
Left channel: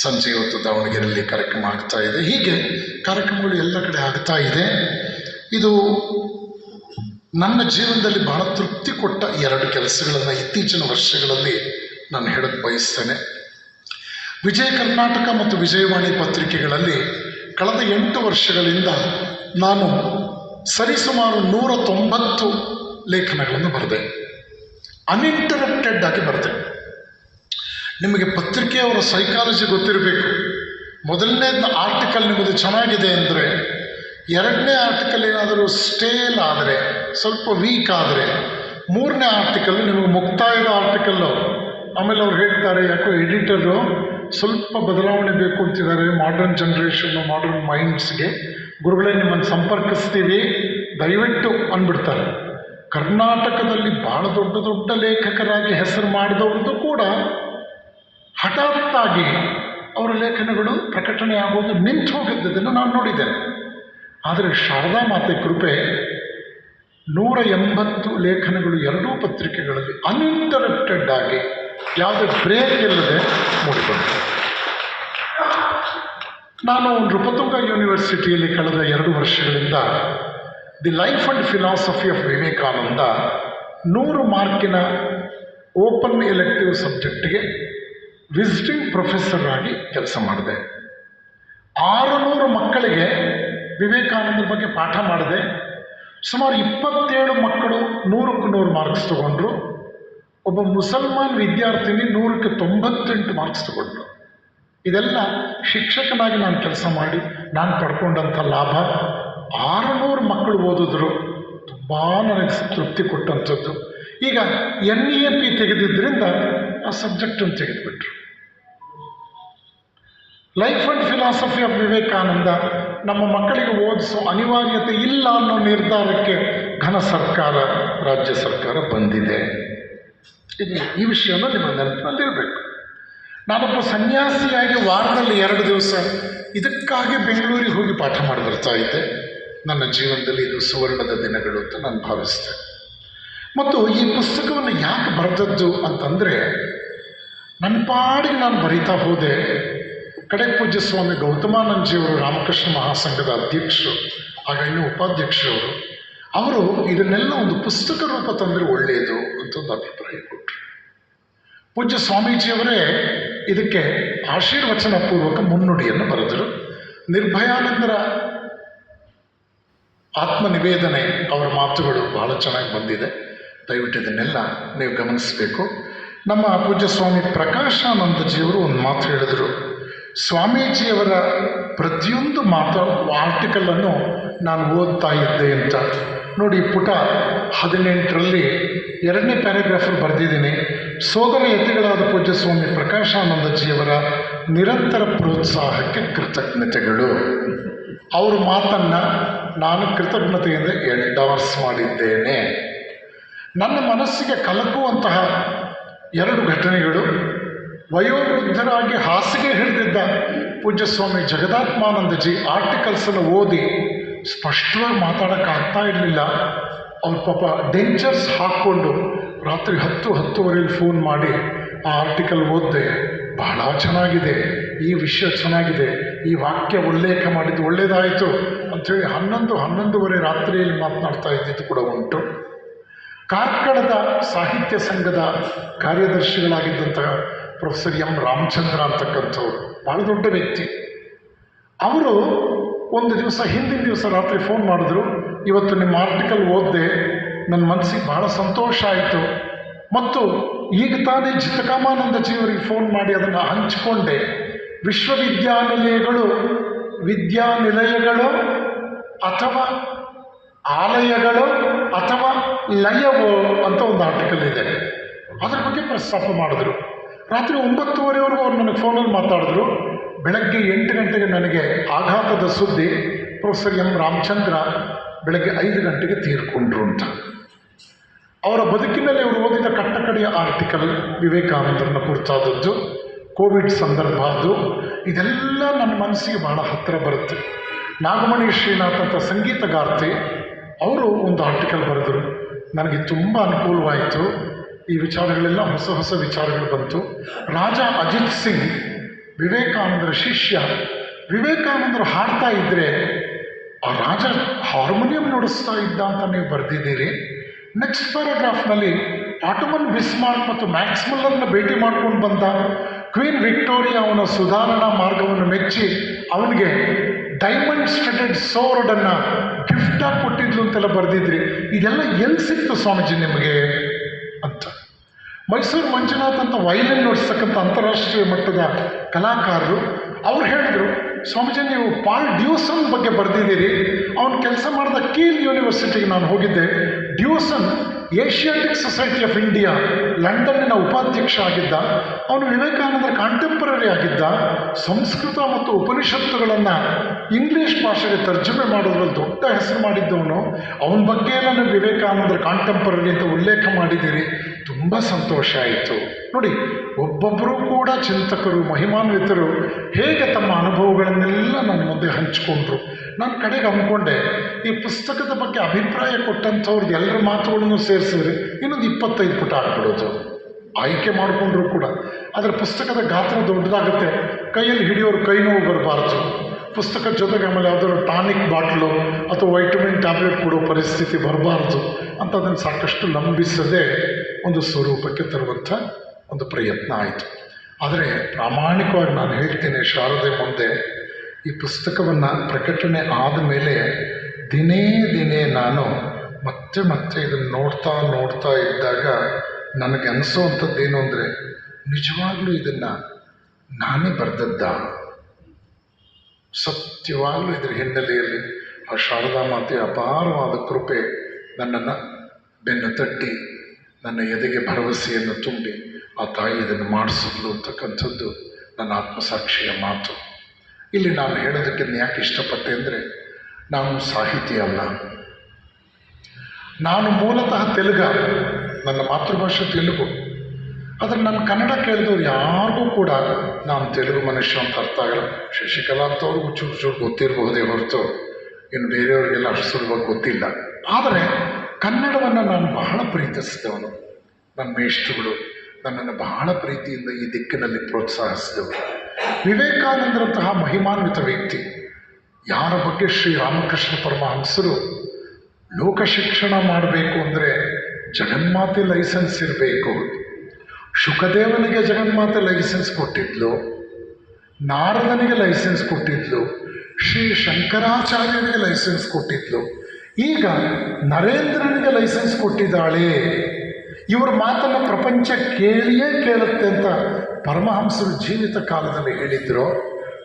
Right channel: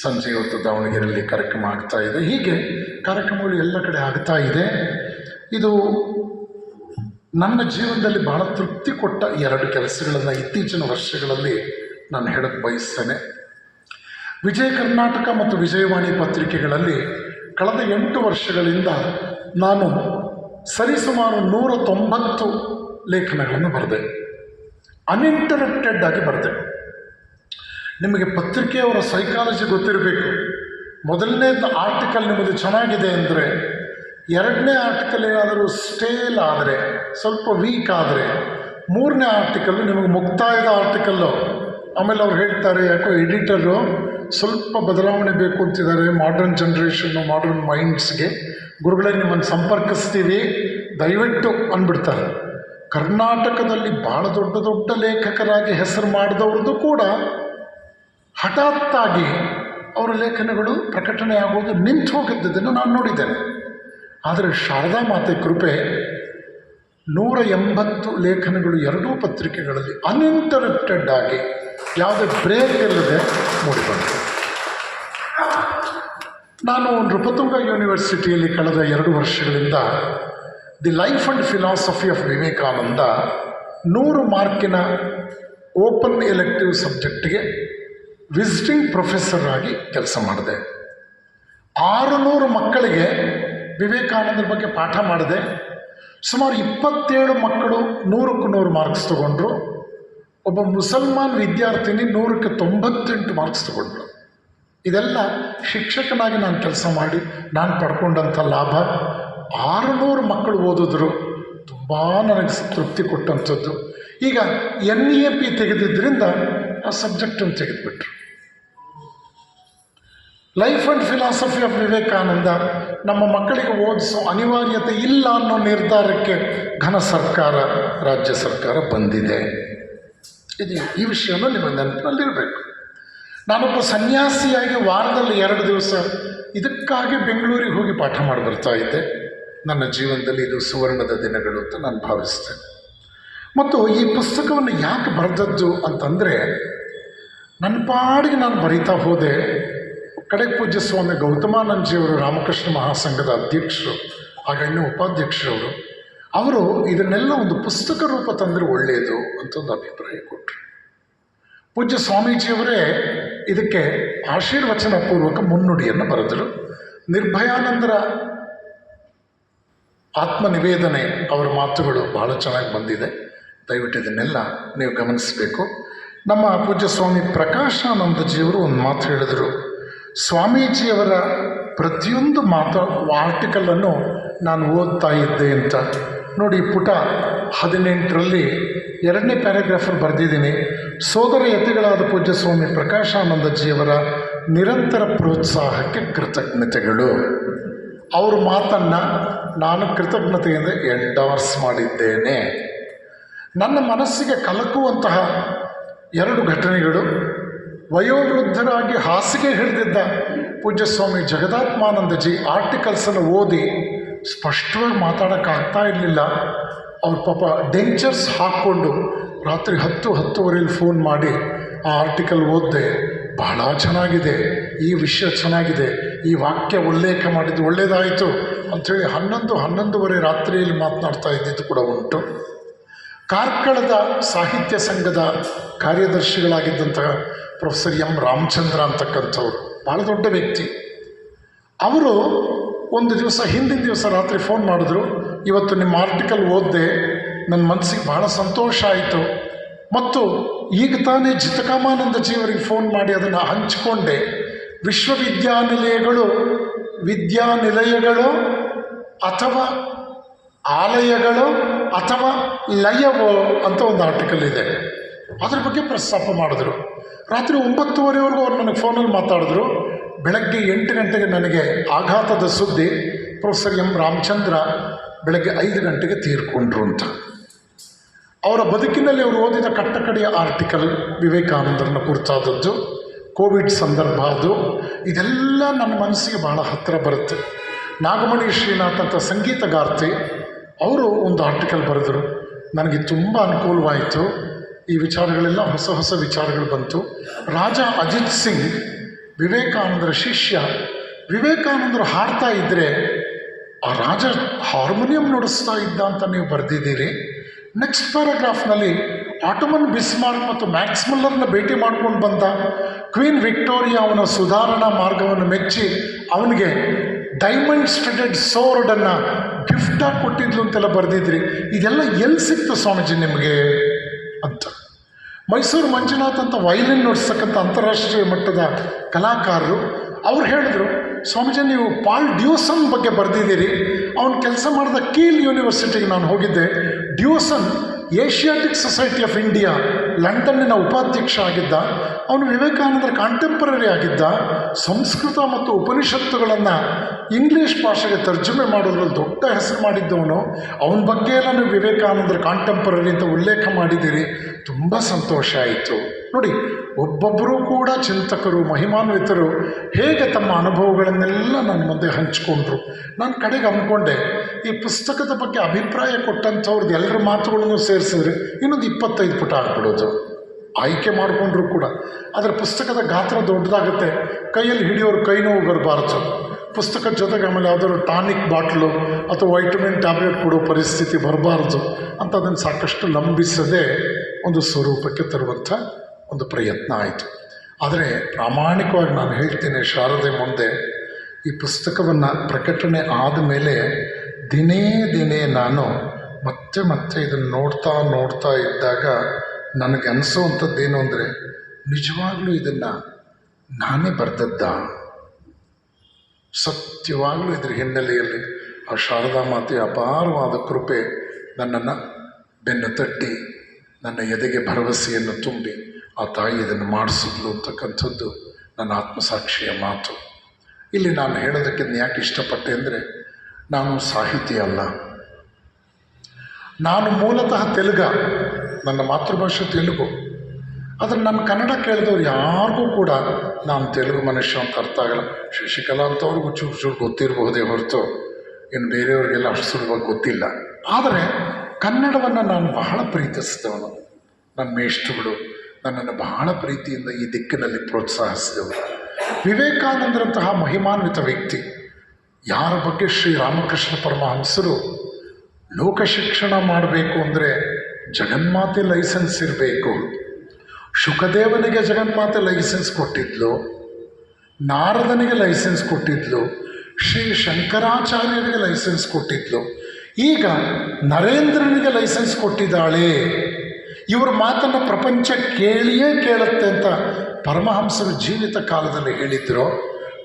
ಸಂಜೆ ಇವತ್ತು ದಾವಣಗೆರೆಯಲ್ಲಿ ಕಾರ್ಯಕ್ರಮ ಆಗ್ತಾ ಇದೆ. ಹೀಗೆ ಕಾರ್ಯಕ್ರಮಗಳು ಎಲ್ಲ ಕಡೆ ಆಗ್ತಾ ಇದೆ. ಇದು ನನ್ನ ಜೀವನದಲ್ಲಿ ಬಹಳ ತೃಪ್ತಿ ಕೊಟ್ಟ 2 ಕೆಲಸಗಳನ್ನು ಇತ್ತೀಚಿನ ವರ್ಷಗಳಲ್ಲಿ ನಾನು ಹೇಳಕ್ಕೆ ಬಯಸ್ತೇನೆ. ವಿಜಯ ಕರ್ನಾಟಕ ಮತ್ತು ವಿಜಯವಾಣಿ ಪತ್ರಿಕೆಗಳಲ್ಲಿ ಕಳೆದ 8 ವರ್ಷಗಳಿಂದ ನಾನು ಸರಿಸುಮಾರು 190 ಲೇಖನಗಳನ್ನು ಬರೆದೆ. ಅನ್ಇಂಟರಪ್ಟೆಡ್ ಆಗಿ ಬರೆದೆ. ನಿಮಗೆ ಪತ್ರಿಕೆಯವರ ಸೈಕಾಲಜಿ ಗೊತ್ತಿರಬೇಕು. ಮೊದಲನೇ ಆರ್ಟಿಕಲ್ ನಿಮ್ಮದು ಚೆನ್ನಾಗಿದೆ ಅಂದರೆ, 2ನೇ ಆರ್ಟಿಕಲ್ ಏನಾದರೂ ಸ್ಟೇಲ್ ಆದರೆ, ಸ್ವಲ್ಪ ವೀಕ್ ಆದರೆ, 3ನೇ ಆರ್ಟಿಕಲ್ಲು ನಿಮಗೆ ಮುಕ್ತಾಯದ ಆರ್ಟಿಕಲ್ಲು. ಆಮೇಲೆ ಅವ್ರು ಹೇಳ್ತಾರೆ, ಯಾಕೋ ಎಡಿಟರು ಸ್ವಲ್ಪ ಬದಲಾವಣೆ ಬೇಕು ಅಂತಿದ್ದಾರೆ ಮಾಡರ್ನ್ ಜನ್ರೇಷನ್ನು, ಮಾಡರ್ನ್ ಮೈಂಡ್ಸ್ಗೆ, ಗುರುಗಳೇ ನಿಮ್ಮನ್ನು ಸಂಪರ್ಕಿಸ್ತೀವಿ ದಯವಿಟ್ಟು ಅಂದ್ಬಿಡ್ತಾರೆ. ಕರ್ನಾಟಕದಲ್ಲಿ ಭಾಳ ದೊಡ್ಡ ದೊಡ್ಡ ಲೇಖಕರಾಗಿ ಹೆಸರು ಮಾಡಿದವ್ರದ್ದು ಕೂಡ ಹಠಾತ್ತಾಗಿ ಅವರ ಲೇಖನಗಳು ಪ್ರಕಟಣೆ ಆಗೋದು ನಿಂತು ಹೋಗಿದ್ದನ್ನು ನಾನು ನೋಡಿದ್ದೇನೆ. ಆದರೆ ಶಾರದಾ ಮಾತೆ ಕೃಪೆ 180 ಲೇಖನಗಳು 2 ಪತ್ರಿಕೆಗಳಲ್ಲಿ ಅನ್ಇಂಟರಪ್ಟೆಡ್ ಆಗಿ ಯಾವುದೇ ಬ್ರೇಕ್ ಇಲ್ಲದೆ ಮೂಡಿಬಂತು. ನಾನು ನೃಪತುಂಗ ಯೂನಿವರ್ಸಿಟಿಯಲ್ಲಿ ಕಳೆದ 2 ವರ್ಷಗಳಿಂದ the life and philosophy of Vivekananda 100 ಮಾರ್ಕಿನ ಓಪನ್ ಎಲೆಕ್ಟಿವ್ ಸಬ್ಜೆಕ್ಟ್ಗೆ ವಿಸಿಟಿಂಗ್ ಪ್ರೊಫೆಸರ್ ಆಗಿ ಕೆಲಸ ಮಾಡಿದೆ. 600 ಮಕ್ಕಳಿಗೆ ವಿವೇಕಾನಂದರ ಬಗ್ಗೆ ಪಾಠ ಮಾಡಿದೆ. ಸುಮಾರು 27 ಮಕ್ಕಳು 100ಕ್ಕೆ 100 ಮಾರ್ಕ್ಸ್ ತಗೊಂಡ್ರು. ಒಬ್ಬ ಮುಸಲ್ಮಾನ್ ವಿದ್ಯಾರ್ಥಿನಿ 100ಕ್ಕೆ 98 ಮಾರ್ಕ್ಸ್ ತಗೊಂಡ್ರು. ಇದೆಲ್ಲ ಶಿಕ್ಷಕನಾಗಿ ನಾನು ಕೆಲಸ ಮಾಡಿ ನಾನು ಪಡ್ಕೊಂಡಂಥ ಲಾಭ. 600 ಮಕ್ಕಳು ಓದಿದ್ರು, ತುಂಬ ನನಗೆ ತೃಪ್ತಿ ಕೊಟ್ಟಂಥದ್ದು. ಈಗ NEAP ತೆಗೆದಿದ್ದರಿಂದ ಆ ಸಬ್ಜೆಕ್ಟನ್ನು ತೆಗೆದುಬಿಟ್ರು. Life and philosophy of Vivekananda ನಮ್ಮ ಮಕ್ಕಳಿಗೆ ಓದಿಸೋ ಅನಿವಾರ್ಯತೆ ಇಲ್ಲ ಅನ್ನೋ ನಿರ್ಧಾರಕ್ಕೆ ಘನ ಸರ್ಕಾರ, ರಾಜ್ಯ ಸರ್ಕಾರ ಬಂದಿದೆ. ಇದು ಈ ವಿಷಯನೂ ನಿಮ್ಮ ನೆನಪಿನಲ್ಲಿರಬೇಕು. ನಾನೊಬ್ಬ ಸನ್ಯಾಸಿಯಾಗಿ ವಾರದಲ್ಲಿ 2 ದಿವಸ ಇದಕ್ಕಾಗಿ ಬೆಂಗಳೂರಿಗೆ ಹೋಗಿ ಪಾಠ ಮಾಡಿ ಬರ್ತಾ ಇದ್ದೆ. ನನ್ನ ಜೀವನದಲ್ಲಿ ಇದು ಸುವರ್ಣದ ದಿನಗಳು ಅಂತ ನಾನು ಭಾವಿಸ್ತೇನೆ. ಮತ್ತು ಈ ಪುಸ್ತಕವನ್ನು ಯಾಕೆ ಬರೆದದ್ದು ಅಂತಂದರೆ, ನನ್ನ ಪಾಡಿಗೆ ನಾನು ಬರೀತಾ ಹೋದೆ. ಕಡೆ ಪೂಜ್ಯ ಸ್ವಾಮಿ ಗೌತಮಾನಂದಜಿಯವರು ರಾಮಕೃಷ್ಣ ಮಹಾಸಂಘದ ಅಧ್ಯಕ್ಷರು, ಆಗ ಇನ್ನೂ ಉಪಾಧ್ಯಕ್ಷರವರು, ಅವರು ಇದನ್ನೆಲ್ಲ ಒಂದು ಪುಸ್ತಕ ರೂಪ ತಂದರೆ ಒಳ್ಳೆಯದು ಅಂತ ಒಂದು ಅಭಿಪ್ರಾಯ ಕೊಟ್ಟರು. ಪೂಜ್ಯ ಸ್ವಾಮೀಜಿಯವರೇ ಇದಕ್ಕೆ ಆಶೀರ್ವಚನ ಪೂರ್ವಕ ಮುನ್ನುಡಿಯನ್ನು ಬರೆದರು. ನಿರ್ಭಯಾನಂದರ ಆತ್ಮನಿವೇದನೆ, ಅವರ ಮಾತುಗಳು ಬಹಳ ಚೆನ್ನಾಗಿ ಬಂದಿದೆ. ದಯವಿಟ್ಟು ಇದನ್ನೆಲ್ಲ ನೀವು ಗಮನಿಸಬೇಕು. ನಮ್ಮ ಪೂಜ್ಯ ಸ್ವಾಮಿ ಪ್ರಕಾಶಾನಂದಜಿಯವರು ಒಂದು ಮಾತು ಹೇಳಿದರು. ಸ್ವಾಮೀಜಿಯವರ ಪ್ರತಿಯೊಂದು ಆರ್ಟಿಕಲನ್ನು ನಾನು ಓದ್ತಾ ಇದ್ದೆ ಅಂತ. ನೋಡಿ, ಪುಟ 18ರಲ್ಲಿ 2ನೇ ಪ್ಯಾರಾಗ್ರಾಫಲ್ಲಿ ಬರೆದಿದ್ದೀನಿ. ಸೋದರ ಯತಿಗಳಾದ ಪೂಜ್ಯ ಸ್ವಾಮಿ ಪ್ರಕಾಶಾನಂದಜಿಯವರ ನಿರಂತರ ಪ್ರೋತ್ಸಾಹಕ್ಕೆ ಕೃತಜ್ಞತೆಗಳು. ಅವ್ರ ಮಾತನ್ನು ನಾನು ಕೃತಜ್ಞತೆಯಿಂದ ಎಂಡಾರ್ಸ್ ಮಾಡಿದ್ದೇನೆ. ನನ್ನ ಮನಸ್ಸಿಗೆ ಕಲಕುವಂತಹ 2 ಘಟನೆಗಳು. ವಯೋವೃದ್ಧರಾಗಿ ಹಾಸಿಗೆ ಹಿಡಿದಿದ್ದ ಪೂಜ್ಯ ಸ್ವಾಮಿ ಜಗದಾತ್ಮಾನಂದಜಿ ಆರ್ಟಿಕಲ್ಸನ್ನು ಓದಿ ಸ್ಪಷ್ಟವಾಗಿ ಮಾತಾಡೋಕ್ಕಾಗ್ತಾ ಇರಲಿಲ್ಲ. ಅವ್ರ ಪಾಪ ಡೆಂಚರ್ಸ್ ಹಾಕ್ಕೊಂಡು ರಾತ್ರಿ 10-10:30 ಫೋನ್ ಮಾಡಿ ಆ ಆರ್ಟಿಕಲ್ ಓದಿದೆ, ಬಹಳ ಚೆನ್ನಾಗಿದೆ, ಈ ವಿಷಯ ಚೆನ್ನಾಗಿದೆ, ಈ ವಾಕ್ಯ ಉಲ್ಲೇಖ ಮಾಡಿದ್ದು ಒಳ್ಳೆಯದಾಯಿತು ಅಂಥೇಳಿ 11-11:30 ರಾತ್ರಿಯಲ್ಲಿ ಮಾತನಾಡ್ತಾ ಇದ್ದಿದ್ದು ಕೂಡ ಉಂಟು. ಕಾರ್ಕಳದ ಸಾಹಿತ್ಯ ಸಂಘದ ಕಾರ್ಯದರ್ಶಿಗಳಾಗಿದ್ದಂತಹ ಪ್ರೊಫೆಸರ್ ಎಂ ರಾಮಚಂದ್ರ ಅಂತಕ್ಕಂಥವ್ರು, ಭಾಳ ದೊಡ್ಡ ವ್ಯಕ್ತಿ. ಅವರು ಒಂದು ದಿವಸ, ಹಿಂದಿನ ದಿವಸ ರಾತ್ರಿ ಫೋನ್ ಮಾಡಿದ್ರು. ಇವತ್ತು ನಿಮ್ಮ ಆರ್ಟಿಕಲ್ ಓದಿದೆ, ನನ್ನ ಮನಸ್ಸಿಗೆ ಭಾಳ ಸಂತೋಷ ಆಯಿತು. ಮತ್ತು ಈಗ ತಾನೇ ಜಿತಕಾಮಾನಂದಜಿಯವರಿಗೆ ಫೋನ್ ಮಾಡಿ ಅದನ್ನು ಹಂಚಿಕೊಂಡೆ. ವಿದ್ಯಾನಿಲಯಗಳು ಅಥವಾ ಆಲಯಗಳು ಅಥವಾ ಲಯವೋ ಅಂತ ಒಂದು ಆರ್ಟಿಕಲ್ ಇದೆ, ಅದ್ರ ಬಗ್ಗೆ ಪ್ರಸ್ತಾಪ ಮಾಡಿದ್ರು. ರಾತ್ರಿ 9:30ವರೆಗೂ ಅವ್ರು ನನಗೆ ಫೋನಲ್ಲಿ ಮಾತಾಡಿದ್ರು. ಬೆಳಗ್ಗೆ 8 ಗಂಟೆಗೆ ನನಗೆ ಆಘಾತದ ಸುದ್ದಿ, ಪ್ರೊಫೆಸರ್ ಎಂ ರಾಮಚಂದ್ರ ಬೆಳಗ್ಗೆ 5 ಗಂಟೆಗೆ ತೀರ್ಕೊಂಡ್ರು ಅಂತ. ಅವರ ಬದುಕಿನಲ್ಲಿ ಅವರು ಓದಿದ ಕಟ್ಟಕಡೆಯ ಆರ್ಟಿಕಲ್ ವಿವೇಕಾನಂದರನ್ನು ಕುರಿತಾದದ್ದು, ಕೋವಿಡ್ ಸಂದರ್ಭ ಅದು. ಇದೆಲ್ಲ ನನ್ನ ಮನಸ್ಸಿಗೆ ಬಹಳ ಹತ್ತಿರ ಬರುತ್ತೆ. ನಾಗಮಣಿ ಶ್ರೀನಾಥ್ ಅಂತ ಸಂಗೀತಗಾರ್ತಿ, ಅವರು ಒಂದು ಆರ್ಟಿಕಲ್ ಬರೆದರು. ನನಗೆ ತುಂಬ ಅನುಕೂಲವಾಯಿತು. ಈ ವಿಚಾರಗಳೆಲ್ಲ ಹೊಸ ವಿಚಾರಗಳು ಬಂತು. ರಾಜ ಅಜಿತ್ ಸಿಂಗ್, ವಿವೇಕಾನಂದರ ಶಿಷ್ಯ, ವಿವೇಕಾನಂದರು ಹಾಡ್ತಾ ಇದ್ದರೆ ಆ ರಾಜ ಹಾರ್ಮೋನಿಯಂ ನುಡಿಸ್ತಾ ಇದ್ದ ಅಂತ ನೀವು ಬರೆದಿದ್ದೀರಿ. ನೆಕ್ಸ್ಟ್ ಪ್ಯಾರಾಗ್ರಾಫ್ನಲ್ಲಿ ಆಟೋಮನ್ ಬಿಸ್ಮಾರ್ಕ್ ಮತ್ತು ಮ್ಯಾಕ್ಸ್ ಮಿಲ್ಲರ್ನ ಭೇಟಿ ಮಾಡ್ಕೊಂಡು ಬಂದ ಕ್ವೀನ್ ವಿಕ್ಟೋರಿಯಾ ಅವನ ಸುಧಾರಣಾ ಮಾರ್ಗವನ್ನು ಮೆಚ್ಚಿ ಅವನಿಗೆ ಡೈಮಂಡ್ ಸ್ಟಡೆಡ್ ಸೋರ್ಡನ್ನು ಗಿಫ್ಟಾಗಿ ಕೊಟ್ಟಿದ್ಲು ಅಂತೆಲ್ಲ ಬರೆದಿದ್ರಿ. ಇದೆಲ್ಲ ಎಲ್ಲಿ ಸಿಕ್ತು ಸ್ವಾಮೀಜಿ ನಿಮಗೆ ಅಂತ. ಮೈಸೂರು ಮಂಜುನಾಥ್ ಅಂತ ವೈಲಿನ್ ನುಡಿಸ್ತಕ್ಕಂಥ ಅಂತಾರಾಷ್ಟ್ರೀಯ ಮಟ್ಟದ ಕಲಾಕಾರರು ಅವ್ರು ಹೇಳಿದ್ರು, ಸ್ವಾಮೀಜಿ ನೀವು ಪಾಲ್ ಡ್ಯೂಸನ್ ಬಗ್ಗೆ ಬರೆದಿದ್ದೀರಿ. ಅವನು ಕೆಲಸ ಮಾಡಿದ ಕೀಲ್ ಯೂನಿವರ್ಸಿಟಿಗೆ ನಾನು ಹೋಗಿದ್ದೆ. ಡ್ಯೂಸನ್ ಏಷ್ಯಾಟಿಕ್ ಸೊಸೈಟಿ ಆಫ್ ಇಂಡಿಯಾ ಲಂಡನ್ನಿನ ಉಪಾಧ್ಯಕ್ಷ ಆಗಿದ್ದ. ಅವನು ವಿವೇಕಾನಂದರ ಕಾಂಟೆಂಪರರಿ ಆಗಿದ್ದ. ಸಂಸ್ಕೃತ ಮತ್ತು ಉಪನಿಷತ್ತುಗಳನ್ನು ಇಂಗ್ಲೀಷ್ ಭಾಷೆಗೆ ತರ್ಜುಮೆ ಮಾಡೋದ್ರಲ್ಲಿ ದೊಡ್ಡ ಹೆಸರು ಮಾಡಿದ್ದವನು. ಅವನ ಬಗ್ಗೆ ನಾನು ವಿವೇಕಾನಂದರ ಕಾಂಟೆಂಪರರಿ ಅಂತ ಉಲ್ಲೇಖ ಮಾಡಿದ್ದೀರಿ, ತುಂಬ ಸಂತೋಷ ಆಯಿತು. ನೋಡಿ, ಒಬ್ಬೊಬ್ಬರೂ ಕೂಡ ಚಿಂತಕರು, ಮಹಿಮಾನ್ವಿತರು ಹೇಗೆ ತಮ್ಮ ಅನುಭವಗಳನ್ನೆಲ್ಲ ನನ್ನ ಮುಂದೆ ಹಂಚಿಕೊಂಡ್ರು. ನಾನು ಕಡೆಗೆ ಅಂದ್ಕೊಂಡೆ, ಈ ಪುಸ್ತಕದ ಬಗ್ಗೆ ಅಭಿಪ್ರಾಯ ಕೊಟ್ಟಂಥವ್ರದ್ದು ಎಲ್ಲರ ಮಾತುಗಳನ್ನು ಸೇರಿಸಿದ್ರೆ ಇನ್ನೊಂದು 25 ಪುಟ ಹಾಕ್ಬಿಡೋದು. ಆಯ್ಕೆ ಮಾಡಿಕೊಂಡ್ರು ಕೂಡ ಅದರ ಪುಸ್ತಕದ ಗಾತ್ರ ದೊಡ್ಡದಾಗುತ್ತೆ, ಕೈಯಲ್ಲಿ ಹಿಡಿಯೋರು ಕೈ ನೋವು ಬರಬಾರ್ದು. ಪುಸ್ತಕದ ಜೊತೆಗೆ ಆಮೇಲೆ ಯಾವುದಾದ್ರು ಟಾನಿಕ್ ಬಾಟ್ಲು ಅಥವಾ ವೈಟಮಿನ್ ಟ್ಯಾಬ್ಲೆಟ್ ಕೊಡೋ ಪರಿಸ್ಥಿತಿ ಬರಬಾರ್ದು ಅಂತ ಅದನ್ನು ಸಾಕಷ್ಟು ಲಂಬಿಸದೆ ಒಂದು ಸ್ವರೂಪಕ್ಕೆ ತರುವಂಥ ಒಂದು ಪ್ರಯತ್ನ ಆಯಿತು. ಆದರೆ ಪ್ರಾಮಾಣಿಕವಾಗಿ ನಾನು ಹೇಳ್ತೇನೆ ಶಾರದೆ ಮುಂದೆ, ಈ ಪುಸ್ತಕವನ್ನು ಪ್ರಕಟಣೆ ಆದ ಮೇಲೆ ದಿನೇ ನಾನು ಮತ್ತೆ ಇದನ್ನು ನೋಡ್ತಾ ಇದ್ದಾಗ ನನಗೆ ಅನಿಸೋವಂಥದ್ದೇನು ಅಂದರೆ, ನಿಜವಾಗ್ಲೂ ಇದನ್ನು ನಾನೇ ಬರೆದದ್ದ? ಸತ್ಯವಾಗಲೂ ಇದರ ಹಿನ್ನೆಲೆಯಲ್ಲಿ ಆ ಶಾರದಾ ಮಾತೆಯ ಅಪಾರವಾದ ಕೃಪೆ ನನ್ನನ್ನು ಬೆನ್ನು ತಟ್ಟಿ ನನ್ನ ಎದೆಗೆ ಭರವಸೆಯನ್ನು ತುಂಬಿ ಆ ತಾಯಿ ಇದನ್ನು ಮಾಡಿಸಿದ್ಲು ಅಂತಕ್ಕಂಥದ್ದು ನನ್ನ ಆತ್ಮಸಾಕ್ಷಿಯ ಮಾತು. ಇಲ್ಲಿ ನಾನು ಹೇಳೋದಕ್ಕೆ ಯಾಕೆ ಇಷ್ಟಪಟ್ಟೆ ಅಂದರೆ, ನಾನು ಸಾಹಿತಿ ಅಲ್ಲ, ನಾನು ಮೂಲತಃ ತೆಲುಗ, ನನ್ನ ಮಾತೃಭಾಷೆ ತೆಲುಗು. ಆದರೆ ನನ್ನ ಕನ್ನಡ ಕೇಳಿದವ್ರು ಯಾರಿಗೂ ಕೂಡ ನಾನು ತೆಲುಗು ಮನುಷ್ಯ ಅಂತ ಅರ್ಥ ಆಗಲ್ಲ. ಶಶಿಕಲಾ ಅಂತವ್ರಿಗೂ ಚೂರು ಚೂರು ಗೊತ್ತಿರಬಹುದೇ ಹೊರತು ಇನ್ನು ಬೇರೆಯವರಿಗೆಲ್ಲ ಅಷ್ಟು ಸುಲಭವಾಗಿ ಗೊತ್ತಿಲ್ಲ. ಆದರೆ ಕನ್ನಡವನ್ನು ನಾನು ಬಹಳ ಪ್ರೀತಿಸಿದವನು. ನನ್ನ ಮೇಷ್ಟ್ರುಗಳು ನನ್ನನ್ನು ಬಹಳ ಪ್ರೀತಿಯಿಂದ ಈ ದಿಕ್ಕಿನಲ್ಲಿ ಪ್ರೋತ್ಸಾಹಿಸಿದವರು. ವಿವೇಕಾನಂದರಂತಹ ಮಹಿಮಾನ್ವಿತ ವ್ಯಕ್ತಿ, ಯಾರ ಬಗ್ಗೆ ಶ್ರೀರಾಮಕೃಷ್ಣ ಪರಮಹಂಸರು ಲೋಕ ಶಿಕ್ಷಣ ಮಾಡಬೇಕು ಅಂದರೆ ಜಗನ್ಮಾತೆ ಲೈಸೆನ್ಸ್ ಇರಬೇಕು. ಶುಕದೇವನಿಗೆ ಜಗನ್ಮಾತೆ ಲೈಸೆನ್ಸ್ ಕೊಟ್ಟಿದ್ಲು, ನಾರದನಿಗೆ ಲೈಸೆನ್ಸ್ ಕೊಟ್ಟಿದ್ಲು, ಶ್ರೀ ಶಂಕರಾಚಾರ್ಯನಿಗೆ ಲೈಸೆನ್ಸ್ ಕೊಟ್ಟಿದ್ಲು, ಈಗ ನರೇಂದ್ರನಿಗೆ ಲೈಸೆನ್ಸ್ ಕೊಟ್ಟಿದ್ದಾಳೆ. ಇವ್ರ ಮಾತನ್ನು ಪ್ರಪಂಚ ಕೇಳಿಯೇ ಕೇಳುತ್ತೆ ಅಂತ ಪರಮಹಂಸರು ಜೀವಿತ ಕಾಲದಲ್ಲಿ ಹೇಳಿದ್ರು.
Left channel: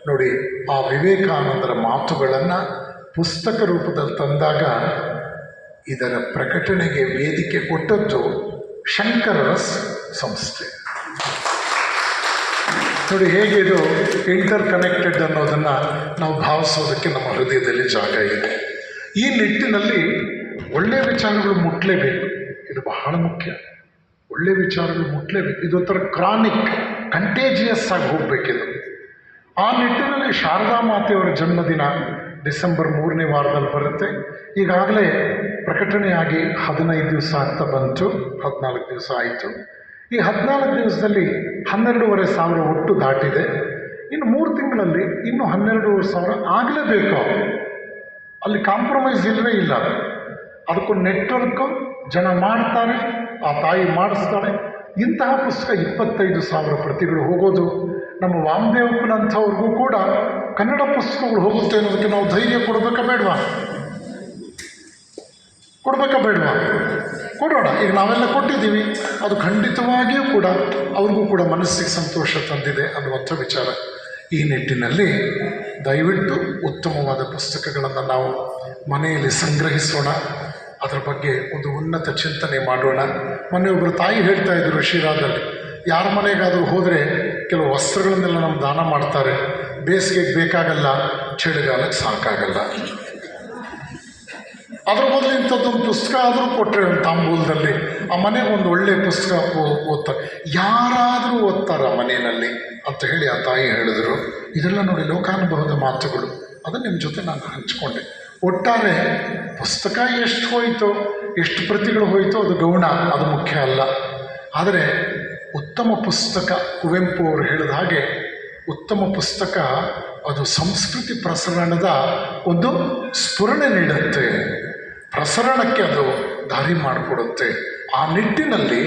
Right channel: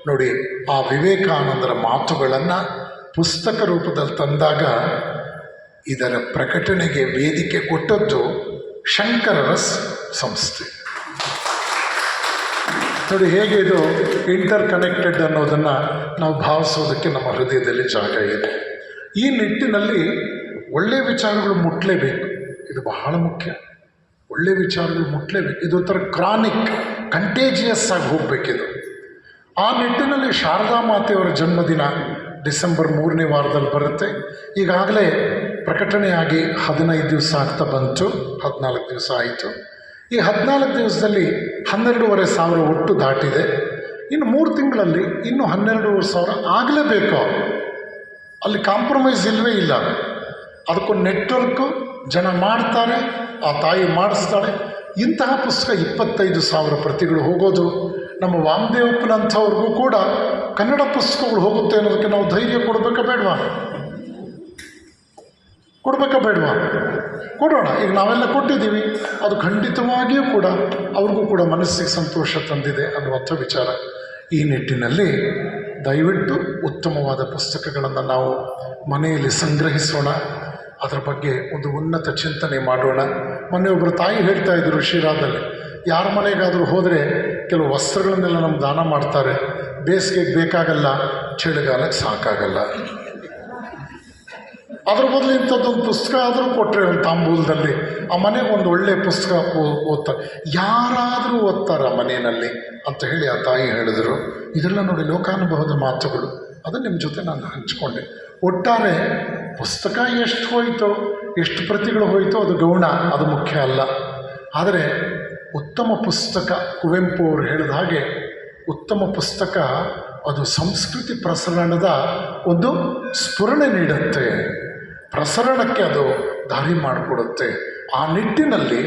ನೋಡಿ, ಆ ವಿವೇಕಾನಂದರ ಮಾತುಗಳನ್ನು ಪುಸ್ತಕ ರೂಪದಲ್ಲಿ ತಂದಾಗ ಇದರ ಪ್ರಕಟಣೆಗೆ ವೇದಿಕೆ ಕೊಟ್ಟದ್ದು ಶಂಕರರ ಸಂಸ್ಥೆ. ನೋಡಿ ಹೇಗೆ ಇದು ಇಂಟರ್ ಕನೆಕ್ಟೆಡ್ ಅನ್ನೋದನ್ನು ನಾವು ಭಾವಿಸೋದಕ್ಕೆ ನಮ್ಮ ಹೃದಯದಲ್ಲಿ ಜಾಗ ಇದೆ. ಈ ನಿಟ್ಟಿನಲ್ಲಿ ಒಳ್ಳೆಯ ವಿಚಾರಗಳು ಮುಟ್ಲೇಬೇಕು, ಇದು ಬಹಳ ಮುಖ್ಯ. ಒಳ್ಳೆಯ ವಿಚಾರಗಳು ಮುಟ್ಲೇಬೇಕು. ಇದೊಂಥರ ಕ್ರಾನಿಕ್, ಕಂಟೇಜಿಯಸ್ ಆಗಿ ಹೋಗಬೇಕಿದು. ಆ ನಿಟ್ಟಿನಲ್ಲಿ ಶಾರದಾ ಮಾತೆಯವರ ಜನ್ಮದಿನ ಡಿಸೆಂಬರ್ 3ನೇ ವಾರದಲ್ಲಿ ಬರುತ್ತೆ. ಈಗಾಗಲೇ ಪ್ರಕಟಣೆಯಾಗಿ 15 ದಿವಸ ಆಗ್ತಾ ಬಂತು, 14 ದಿವಸ ಆಯಿತು. ಈ 14 ದಿವಸದಲ್ಲಿ 12,500 ಒಟ್ಟು ದಾಟಿದೆ. ಇನ್ನು 3 ತಿಂಗಳಲ್ಲಿ ಇನ್ನೂ 12,500 ಆಗಲೇಬೇಕು. ಅಲ್ಲಿ ಕಾಂಪ್ರಮೈಸ್ ಇಲ್ಲವೇ ಇಲ್ಲ. ಅದಕ್ಕೊಂದು ನೆಟ್ವರ್ಕು, ಜನ ಮಾಡ್ತಾರೆ, ಆ ತಾಯಿ ಮಾಡಿಸ್ತಾಳೆ. ಇಂತಹ ಪುಸ್ತಕ 25,000 ಪ್ರತಿಗಳು ಹೋಗೋದು, ನಮ್ಮ ವಾಮದೇವಪ್ಪನಂಥವ್ರಿಗೂ ಕೂಡ ಕನ್ನಡ ಪುಸ್ತಕಗಳು ಹೋಗುತ್ತೆ ಅನ್ನೋದಕ್ಕೆ ನಾವು ಧೈರ್ಯ ಕೊಡಬೇಕಾ ಬೇಡವಾ? ಕೊಡೋಣ. ಈಗ ನಾವೆಲ್ಲ ಕೊಟ್ಟಿದ್ದೀವಿ, ಅದು ಖಂಡಿತವಾಗಿಯೂ ಕೂಡ ಅವ್ರಿಗೂ ಕೂಡ ಮನಸ್ಸಿಗೆ ಸಂತೋಷ ತಂದಿದೆ ಅನ್ನುವಂಥ ವಿಚಾರ. ಈ ನಿಟ್ಟಿನಲ್ಲಿ ದಯವಿಟ್ಟು ಉತ್ತಮವಾದ ಪುಸ್ತಕಗಳನ್ನು ನಾವು ಮನೆಯಲ್ಲಿ ಸಂಗ್ರಹಿಸೋಣ, ಅದರ ಬಗ್ಗೆ ಒಂದು ಉನ್ನತ ಚಿಂತನೆ ಮಾಡೋಣ. ಮೊನ್ನೆಯೊಬ್ಬರು ತಾಯಿ ಹೇಳ್ತಾ ಇದ್ದರು ಶಿರಾದಲ್ಲಿ, ಯಾರ ಮನೆಗಾದರೂ ಹೋದರೆ ಕೆಲವು ವಸ್ತ್ರಗಳನ್ನೆಲ್ಲ ನಮ್ಗೆ ದಾನ ಮಾಡ್ತಾರೆ, ಬೇಸಿಗೆಗೆ ಬೇಕಾಗಲ್ಲ, ಚಳಿಗಾಲಕ್ಕೆ ಸಾಕಾಗಲ್ಲ. ಅದ್ರ ಬದಲು ಇಂಥದ್ದೊಂದು ಪುಸ್ತಕ ಆದರೂ ಕೊಟ್ಟರೆ ಒಂದು ತಾಂಬೂಲದಲ್ಲಿ ಆ ಮನೆಗೆ ಒಂದು ಒಳ್ಳೆಯ ಪುಸ್ತಕ ಓದ್ತಾರೆ, ಯಾರಾದರೂ ಓದ್ತಾರ ಮನೆಯಲ್ಲಿ ಅಂತ ಹೇಳಿ ಆ ತಾಯಿ ಹೇಳಿದರು. ಇದೆಲ್ಲ ನೋಡಿ ಲೋಕಾನುಭವದ ಮಾತುಗಳು, ಅದನ್ನು ನಿಮ್ಮ ಜೊತೆ ನಾನು ಹಂಚ್ಕೊಂಡೆ. ಒಟ್ಟಾರೆ ಪುಸ್ತಕ ಎಷ್ಟು ಹೋಯಿತೋ, ಎಷ್ಟು ಪ್ರತಿಗಳು ಹೋಯಿತೋ ಅದು ಗೌಣ, ಅದು ಮುಖ್ಯ ಅಲ್ಲ. ಆದರೆ ಉತ್ತಮ ಪುಸ್ತಕ, ಕುವೆಂಪು ಅವರು ಹೇಳಿದ ಹಾಗೆ ಉತ್ತಮ ಪುಸ್ತಕ ಅದು ಸಂಸ್ಕೃತಿ ಪ್ರಸರಣದ ಒಂದು ಸ್ಫುರಣೆ ನೀಡುತ್ತೆ, ಪ್ರಸರಣಕ್ಕೆ ಅದು ದಾರಿ ಮಾಡಿಕೊಡುತ್ತೆ. ಆ ನಿಟ್ಟಿನಲ್ಲಿ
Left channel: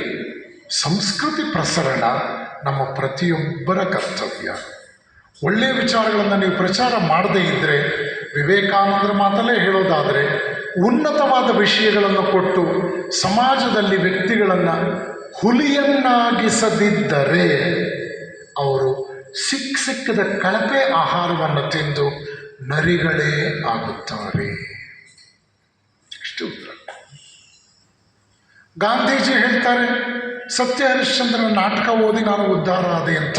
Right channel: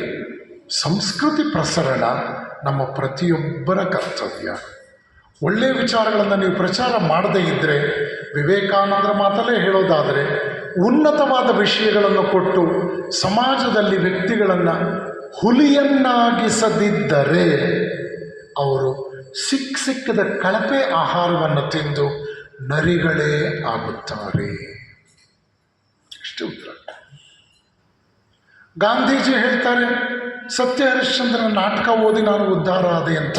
ಸಂಸ್ಕೃತಿ ಪ್ರಸರಣ ನಮ್ಮ ಪ್ರತಿಯೊಬ್ಬರ ಕರ್ತವ್ಯ. ಒಳ್ಳೆಯ ವಿಚಾರಗಳನ್ನು ನೀವು ಪ್ರಚಾರ ಮಾಡದೇ ಇದ್ದರೆ, ವಿವೇಕಾನಂದರ ಮಾತಲ್ಲೇ ಹೇಳೋದಾದರೆ, ಉನ್ನತವಾದ ವಿಷಯಗಳನ್ನು ಕೊಟ್ಟು ಸಮಾಜದಲ್ಲಿ ವ್ಯಕ್ತಿಗಳನ್ನು ಹುಲಿಯನ್ನಾಗಿಸದಿದ್ದರೆ ಅವರು ಸಿಕ್ಕದ ಕಳಪೆ ಆಹಾರವನ್ನು ತಿಂದು ನರಿಗಳೇ ಆಗುತ್ತಾರೆ. ಇಷ್ಟು ಉತ್ತರ. ಗಾಂಧೀಜಿ ಹೇಳ್ತಾರೆ, ಸತ್ಯ ಹರಿಶ್ಚಂದ್ರನ ನಾಟಕ ಓದಿ ನಾನು ಉದ್ಧಾರ ಆದೆ ಅಂತ.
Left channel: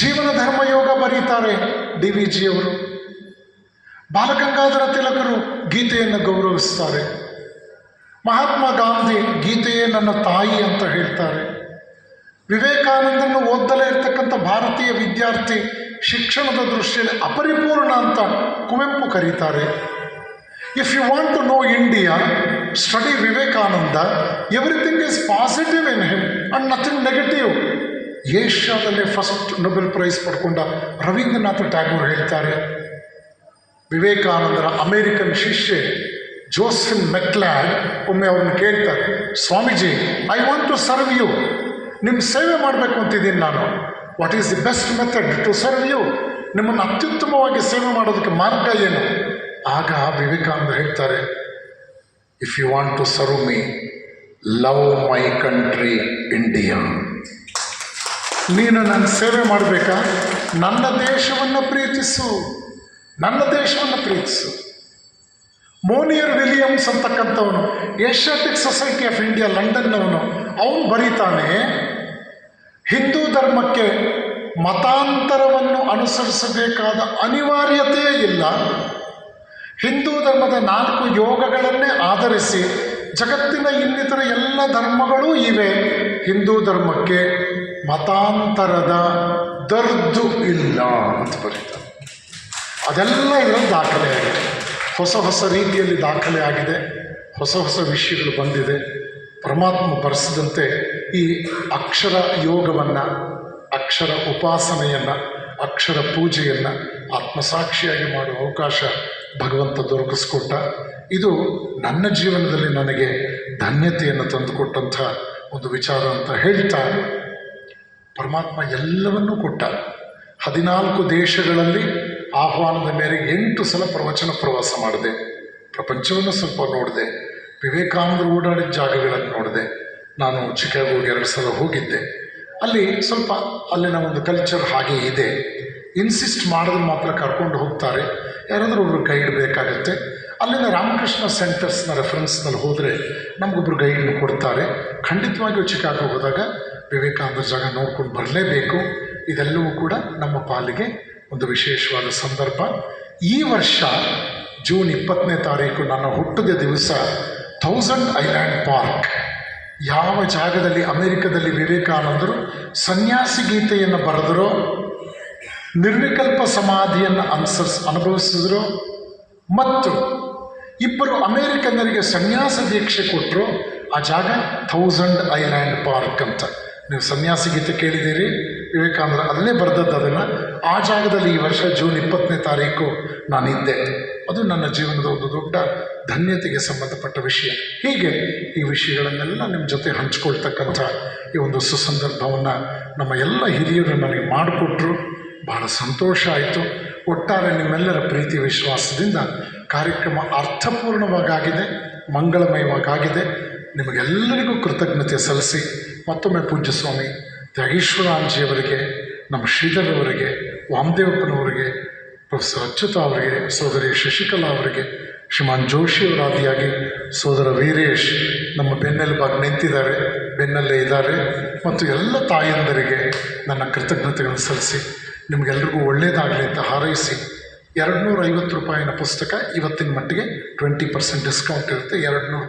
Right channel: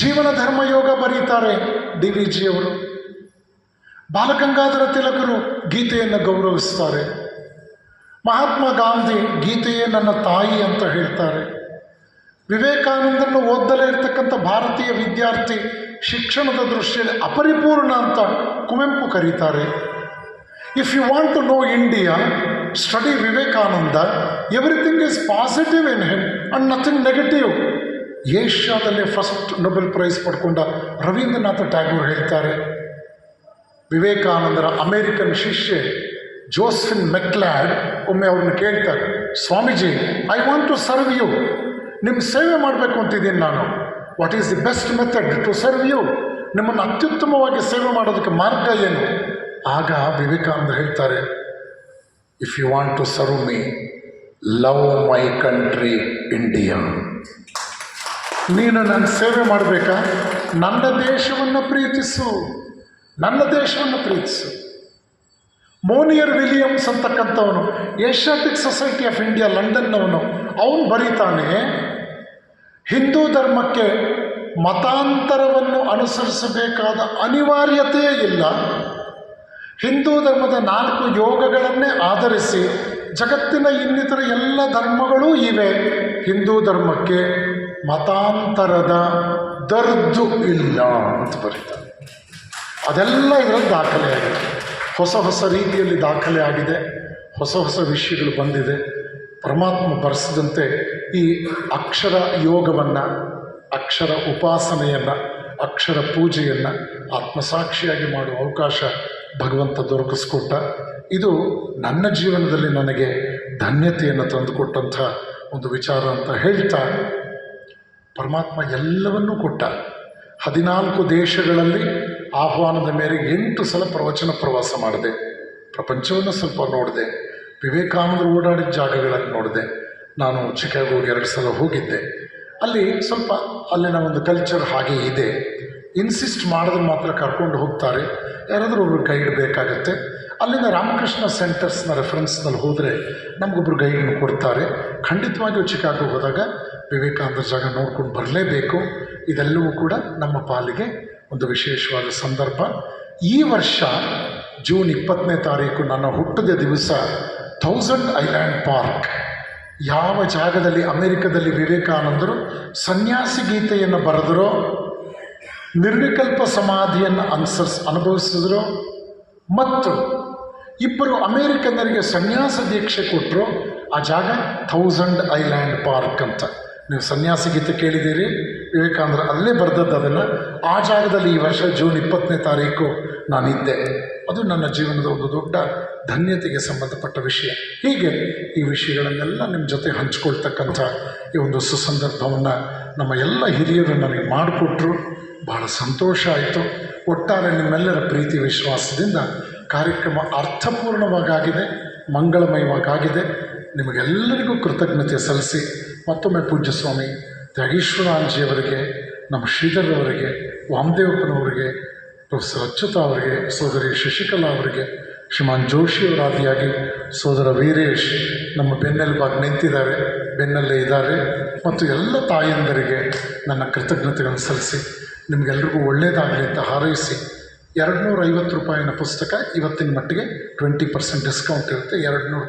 ಜೀವನ ಧರ್ಮಯೋಗ ಬರೀತಾರೆ DVG ಅವರು. ಬಾಲಗಂಗಾಧರ ತಿಲಕರು ಗೀತೆಯನ್ನು ಗೌರವಿಸ್ತಾರೆ. ಮಹಾತ್ಮ ಗಾಂಧಿ ಗೀತೆಯೇ ನನ್ನ ತಾಯಿ ಅಂತ ಹೇಳ್ತಾರೆ. ವಿವೇಕಾನಂದರನ್ನು ಓದಲೇ ಇರ್ತಕ್ಕಂಥ ಭಾರತೀಯ ವಿದ್ಯಾರ್ಥಿ ಶಿಕ್ಷಣದ ದೃಷ್ಟಿಯಲ್ಲಿ ಅಪರಿಪೂರ್ಣ ಅಂತ ಕುವೆಂಪು ಕರೀತಾರೆ. If you want to know India, study Vivekananda. Everything is positive in him and nothing negative. ಏಷ್ಯಾದಲ್ಲೇ ಫಸ್ಟ್ ನೊಬೆಲ್ ಪ್ರೈಸ್ ಪಡ್ಕೊಂಡ ರವೀಂದ್ರನಾಥ ಟ್ಯಾಗೋರ್ ಹೇಳ್ತಾರೆ, ವಿವೇಕಾನಂದರ ಅಮೇರಿಕನ್ ಶಿಷ್ಯೆ ಜೋಸೆಫಿನ್ ಮೆಕ್ಲಾಡ್ ಒಮ್ಮೆ ಅವ್ರನ್ನ ಕೇಳ್ತಾರೆ, Swamiji, I want to serve you, ನಿಮ್ಮ ಸೇವೆ ಮಾಡಬೇಕು ಅಂತಿದ್ದೀನಿ ನಾನು. What is the best method to serve you? ನಿಮ್ಮನ್ನು ಅತ್ಯುತ್ತಮವಾಗಿ ಸೇವೆ ಮಾಡೋದಕ್ಕೆ ಮಾರ್ಗ ಏನು? ಆಗ ವಿವೇಕಾನಂದ ಹೇಳ್ತಾರೆ, if you want to serve me, love my country India. ನೀನು ನನ್ನ ಸೇವೆ ಮಾಡಬೇಕಾ? ನನ್ನ ದೇಶವನ್ನು ಪ್ರೀತಿಸು, ನನ್ನ ದೇಶವನ್ನು ಪ್ರೀತಿಸು. ಮೋನಿಯರ್ ವಿಲಿಯಮ್ಸ್ ಅಂತಕ್ಕಂಥವನು, ಏಷ್ಯಾಟಿಕ್ ಸೊಸೈಟಿ ಆಫ್ ಇಂಡಿಯಾ ಲಂಡನ್ನವನು, ಅವನು ಬರೀತಾನೆ, ಹಿಂದೂ ಧರ್ಮಕ್ಕೆ ಮತಾಂತರವನ್ನು ಅನುಸರಿಸಬೇಕಾದ ಅನಿವಾರ್ಯತೆಯೇ ಇಲ್ಲ. ಹಿಂದೂ ಧರ್ಮದ 4 ಯೋಗಗಳನ್ನೇ ಆಧರಿಸಿ ಜಗತ್ತಿನ ಇನ್ನಿತರ ಎಲ್ಲ ಧರ್ಮಗಳೂ ಇವೆ. ಹಿಂದೂ ಧರ್ಮಕ್ಕೆ ಮತಾಂತರದ ದರ್ದು ಇಲ್ಲ ಅಂತ ಬರೀತಾರೆ. ಅದೆಲ್ಲ ಇದರಲ್ಲಿ ದಾಖಲೆ ಆಗಿದೆ. ಹೊಸ ಹೊಸ ರೀತಿಯಲ್ಲಿ ದಾಖಲೆ ಆಗಿದೆ. ಹೊಸ ಹೊಸ ವಿಷಯಗಳು ಬಂದಿದೆ. ಪರಮಾತ್ಮ ಬರೆಸಿದಂತೆ ಈ ಅಕ್ಷರ ಯೋಗವನ್ನು, ಅಕ್ಷರ ಉಪಾಸನೆಯನ್ನು, ಅಕ್ಷರ ಪೂಜೆಯನ್ನು ಆತ್ಮಸಾಕ್ಷಿಯಾಗಿ ಮಾಡುವ ಅವಕಾಶ ಭಗವಂತ ದೊರಕಿಸ್ಕೊಟ್ಟ. ಇದು ನನ್ನ ಜೀವನದಲ್ಲಿ ನನಗೆ ಧನ್ಯತೆಯನ್ನು ತಂದುಕೊಟ್ಟಂಥ ಒಂದು ವಿಚಾರ ಅಂತ ಹೇಳ್ತಾ, ಪರಮಾತ್ಮ ಎಲ್ಲವನ್ನೂ ಕೊಟ್ಟ. 14 ದೇಶಗಳಲ್ಲಿ ಆಹ್ವಾನದ ಮೇರೆಗೆ 8 ಸಲ ಪ್ರವಚನ ಪ್ರವಾಸ ಮಾಡಿದೆ. ಪ್ರಪಂಚವನ್ನು ಸ್ವಲ್ಪ ನೋಡಿದೆ. ವಿವೇಕಾನಂದರು ಓಡಾಡಿದ ಜಾಗಗಳನ್ನು ನೋಡಿದೆ. ನಾನು ಚಿಕಾಗೋಗೆ 2 ಸಲ ಹೋಗಿದ್ದೆ. ಅಲ್ಲಿ ಸ್ವಲ್ಪ ಅಲ್ಲಿನ ಒಂದು ಕಲ್ಚರ್ ಹಾಗೆ ಇದೆ. ಇನ್ಸಿಸ್ಟ್ ಮಾಡಿದ್ರೆ ಮಾತ್ರ ಕರ್ಕೊಂಡು ಹೋಗ್ತಾರೆ. ಯಾರಾದರೂ ಒಬ್ಬರು ಗೈಡ್ ಬೇಕಾಗುತ್ತೆ. ಅಲ್ಲಿನ ರಾಮಕೃಷ್ಣ ಸೆಂಟರ್ಸ್ನ ರೆಫರೆನ್ಸ್ನಲ್ಲಿ ಹೋದರೆ ನಮಗೊಬ್ಬರು ಗೈಡ್ನ ಕೊಡ್ತಾರೆ. ಖಂಡಿತವಾಗಿಯೂ ಚಿಕಾಗೋ ಹೋದಾಗ ವಿವೇಕಾನಂದ ಜಾಗ ನೋಡ್ಕೊಂಡು ಬರಲೇಬೇಕು. ಇದೆಲ್ಲವೂ ಕೂಡ ನಮ್ಮ ಪಾಲಿಗೆ ಒಂದು ವಿಶೇಷವಾದ ಸಂದರ್ಭ. ಈ ವರ್ಷ ಜೂನ್ 20ನೇ ತಾರೀಕು ನನ್ನ ಹುಟ್ಟಿದ ದಿವಸ 1000 ಐಲ್ಯಾಂಡ್ ಪಾರ್ಕ್, ಯಾವ ಜಾಗದಲ್ಲಿ ಅಮೆರಿಕದಲ್ಲಿ ವಿವೇಕಾನಂದರು ಸನ್ಯಾಸಿ ಗೀತೆಯನ್ನು ಬರೆದರೋ, ನಿರ್ವಿಕಲ್ಪ ಸಮಾಧಿಯನ್ನು ಅನುಭವಿಸಿದ್ರು ಮತ್ತು 2 ಅಮೇರಿಕನ್ನರಿಗೆ ಸನ್ಯಾಸ ದೀಕ್ಷೆ ಕೊಟ್ಟರು. ಆ ಜಾಗ 1000 ಐಲ್ಯಾಂಡ್ ಪಾರ್ಕ್ ಅಂತ. ನೀವು ಸನ್ಯಾಸಿ ಗೀತೆ ಕೇಳಿದ್ದೀರಿ, ವಿವೇಕಾನಂದರು ಅಲ್ಲೇ ಬರೆದದ್ದು ಅದನ್ನು. ಆ ಜಾಗದಲ್ಲಿ ಈ ವರ್ಷ ಜೂನ್ 20ನೇ ತಾರೀಕು ನಾನಿದ್ದೆ. ಅದು ನನ್ನ ಜೀವನದ ಒಂದು ದೊಡ್ಡ ಧನ್ಯತೆಗೆ ಸಂಬಂಧಪಟ್ಟ ವಿಷಯ. ಹೀಗೆ ಈ ವಿಷಯಗಳನ್ನೆಲ್ಲ ನಿಮ್ಮ ಜೊತೆ ಹಂಚ್ಕೊಳ್ತಕ್ಕಂಥ ಈ ಒಂದು ಸುಸಂದರ್ಭವನ್ನು ನಮ್ಮ ಎಲ್ಲ ಹಿರಿಯರು ನನಗೆ ಮಾಡಿಕೊಟ್ರು. ಬಹಳ ಸಂತೋಷ ಆಯಿತು. ಒಟ್ಟಾರೆ ನಿಮ್ಮೆಲ್ಲರ ಪ್ರೀತಿ ವಿಶ್ವಾಸದಿಂದ ಕಾರ್ಯಕ್ರಮ ಅರ್ಥಪೂರ್ಣವಾಗಿದೆ, ಮಂಗಳಮಯವಾಗಿದೆ. ನಿಮಗೆಲ್ಲರಿಗೂ ಕೃತಜ್ಞತೆ ಸಲ್ಲಿಸಿ ಮತ್ತೊಮ್ಮೆ ಪೂಜ್ಯ ಸ್ವಾಮಿ ತ್ಯಾಗೇಶ್ವರಾಂಜಿಯವರಿಗೆ, ನಮ್ಮ ಶ್ರೀಧರವರಿಗೆ, ವಾಮದೇವಪ್ಪನವರಿಗೆ, ಪ್ರೊಫೆಸರ್ ಅಚ್ಯುತ ಅವರಿಗೆ, ಸೋದರಿ ಶಶಿಕಲಾ ಅವರಿಗೆ, ಶ್ರೀಮಾನ್ ಜೋಶಿಯವರಾದಿಯಾಗಿ ಸೋದರ ವೀರೇಶ್ ನಮ್ಮ ಬೆನ್ನೆಲುಬಾಗಿ ನಿಂತಿದ್ದಾರೆ, ಬೆನ್ನಲ್ಲೇ ಇದ್ದಾರೆ, ಮತ್ತು ಎಲ್ಲ ತಾಯಂದರಿಗೆ ನನ್ನ ಕೃತಜ್ಞತೆಗಳನ್ನು ಸಲ್ಲಿಸಿ ನಿಮಗೆಲ್ರಿಗೂ ಒಳ್ಳೆಯದಾಗಲಿ ಅಂತ ಹಾರೈಸಿ, 250 ರೂಪಾಯಿನ ಪುಸ್ತಕ ಇವತ್ತಿನ ಮಟ್ಟಿಗೆ 20% ಡಿಸ್ಕೌಂಟ್ ಇರುತ್ತೆ. 200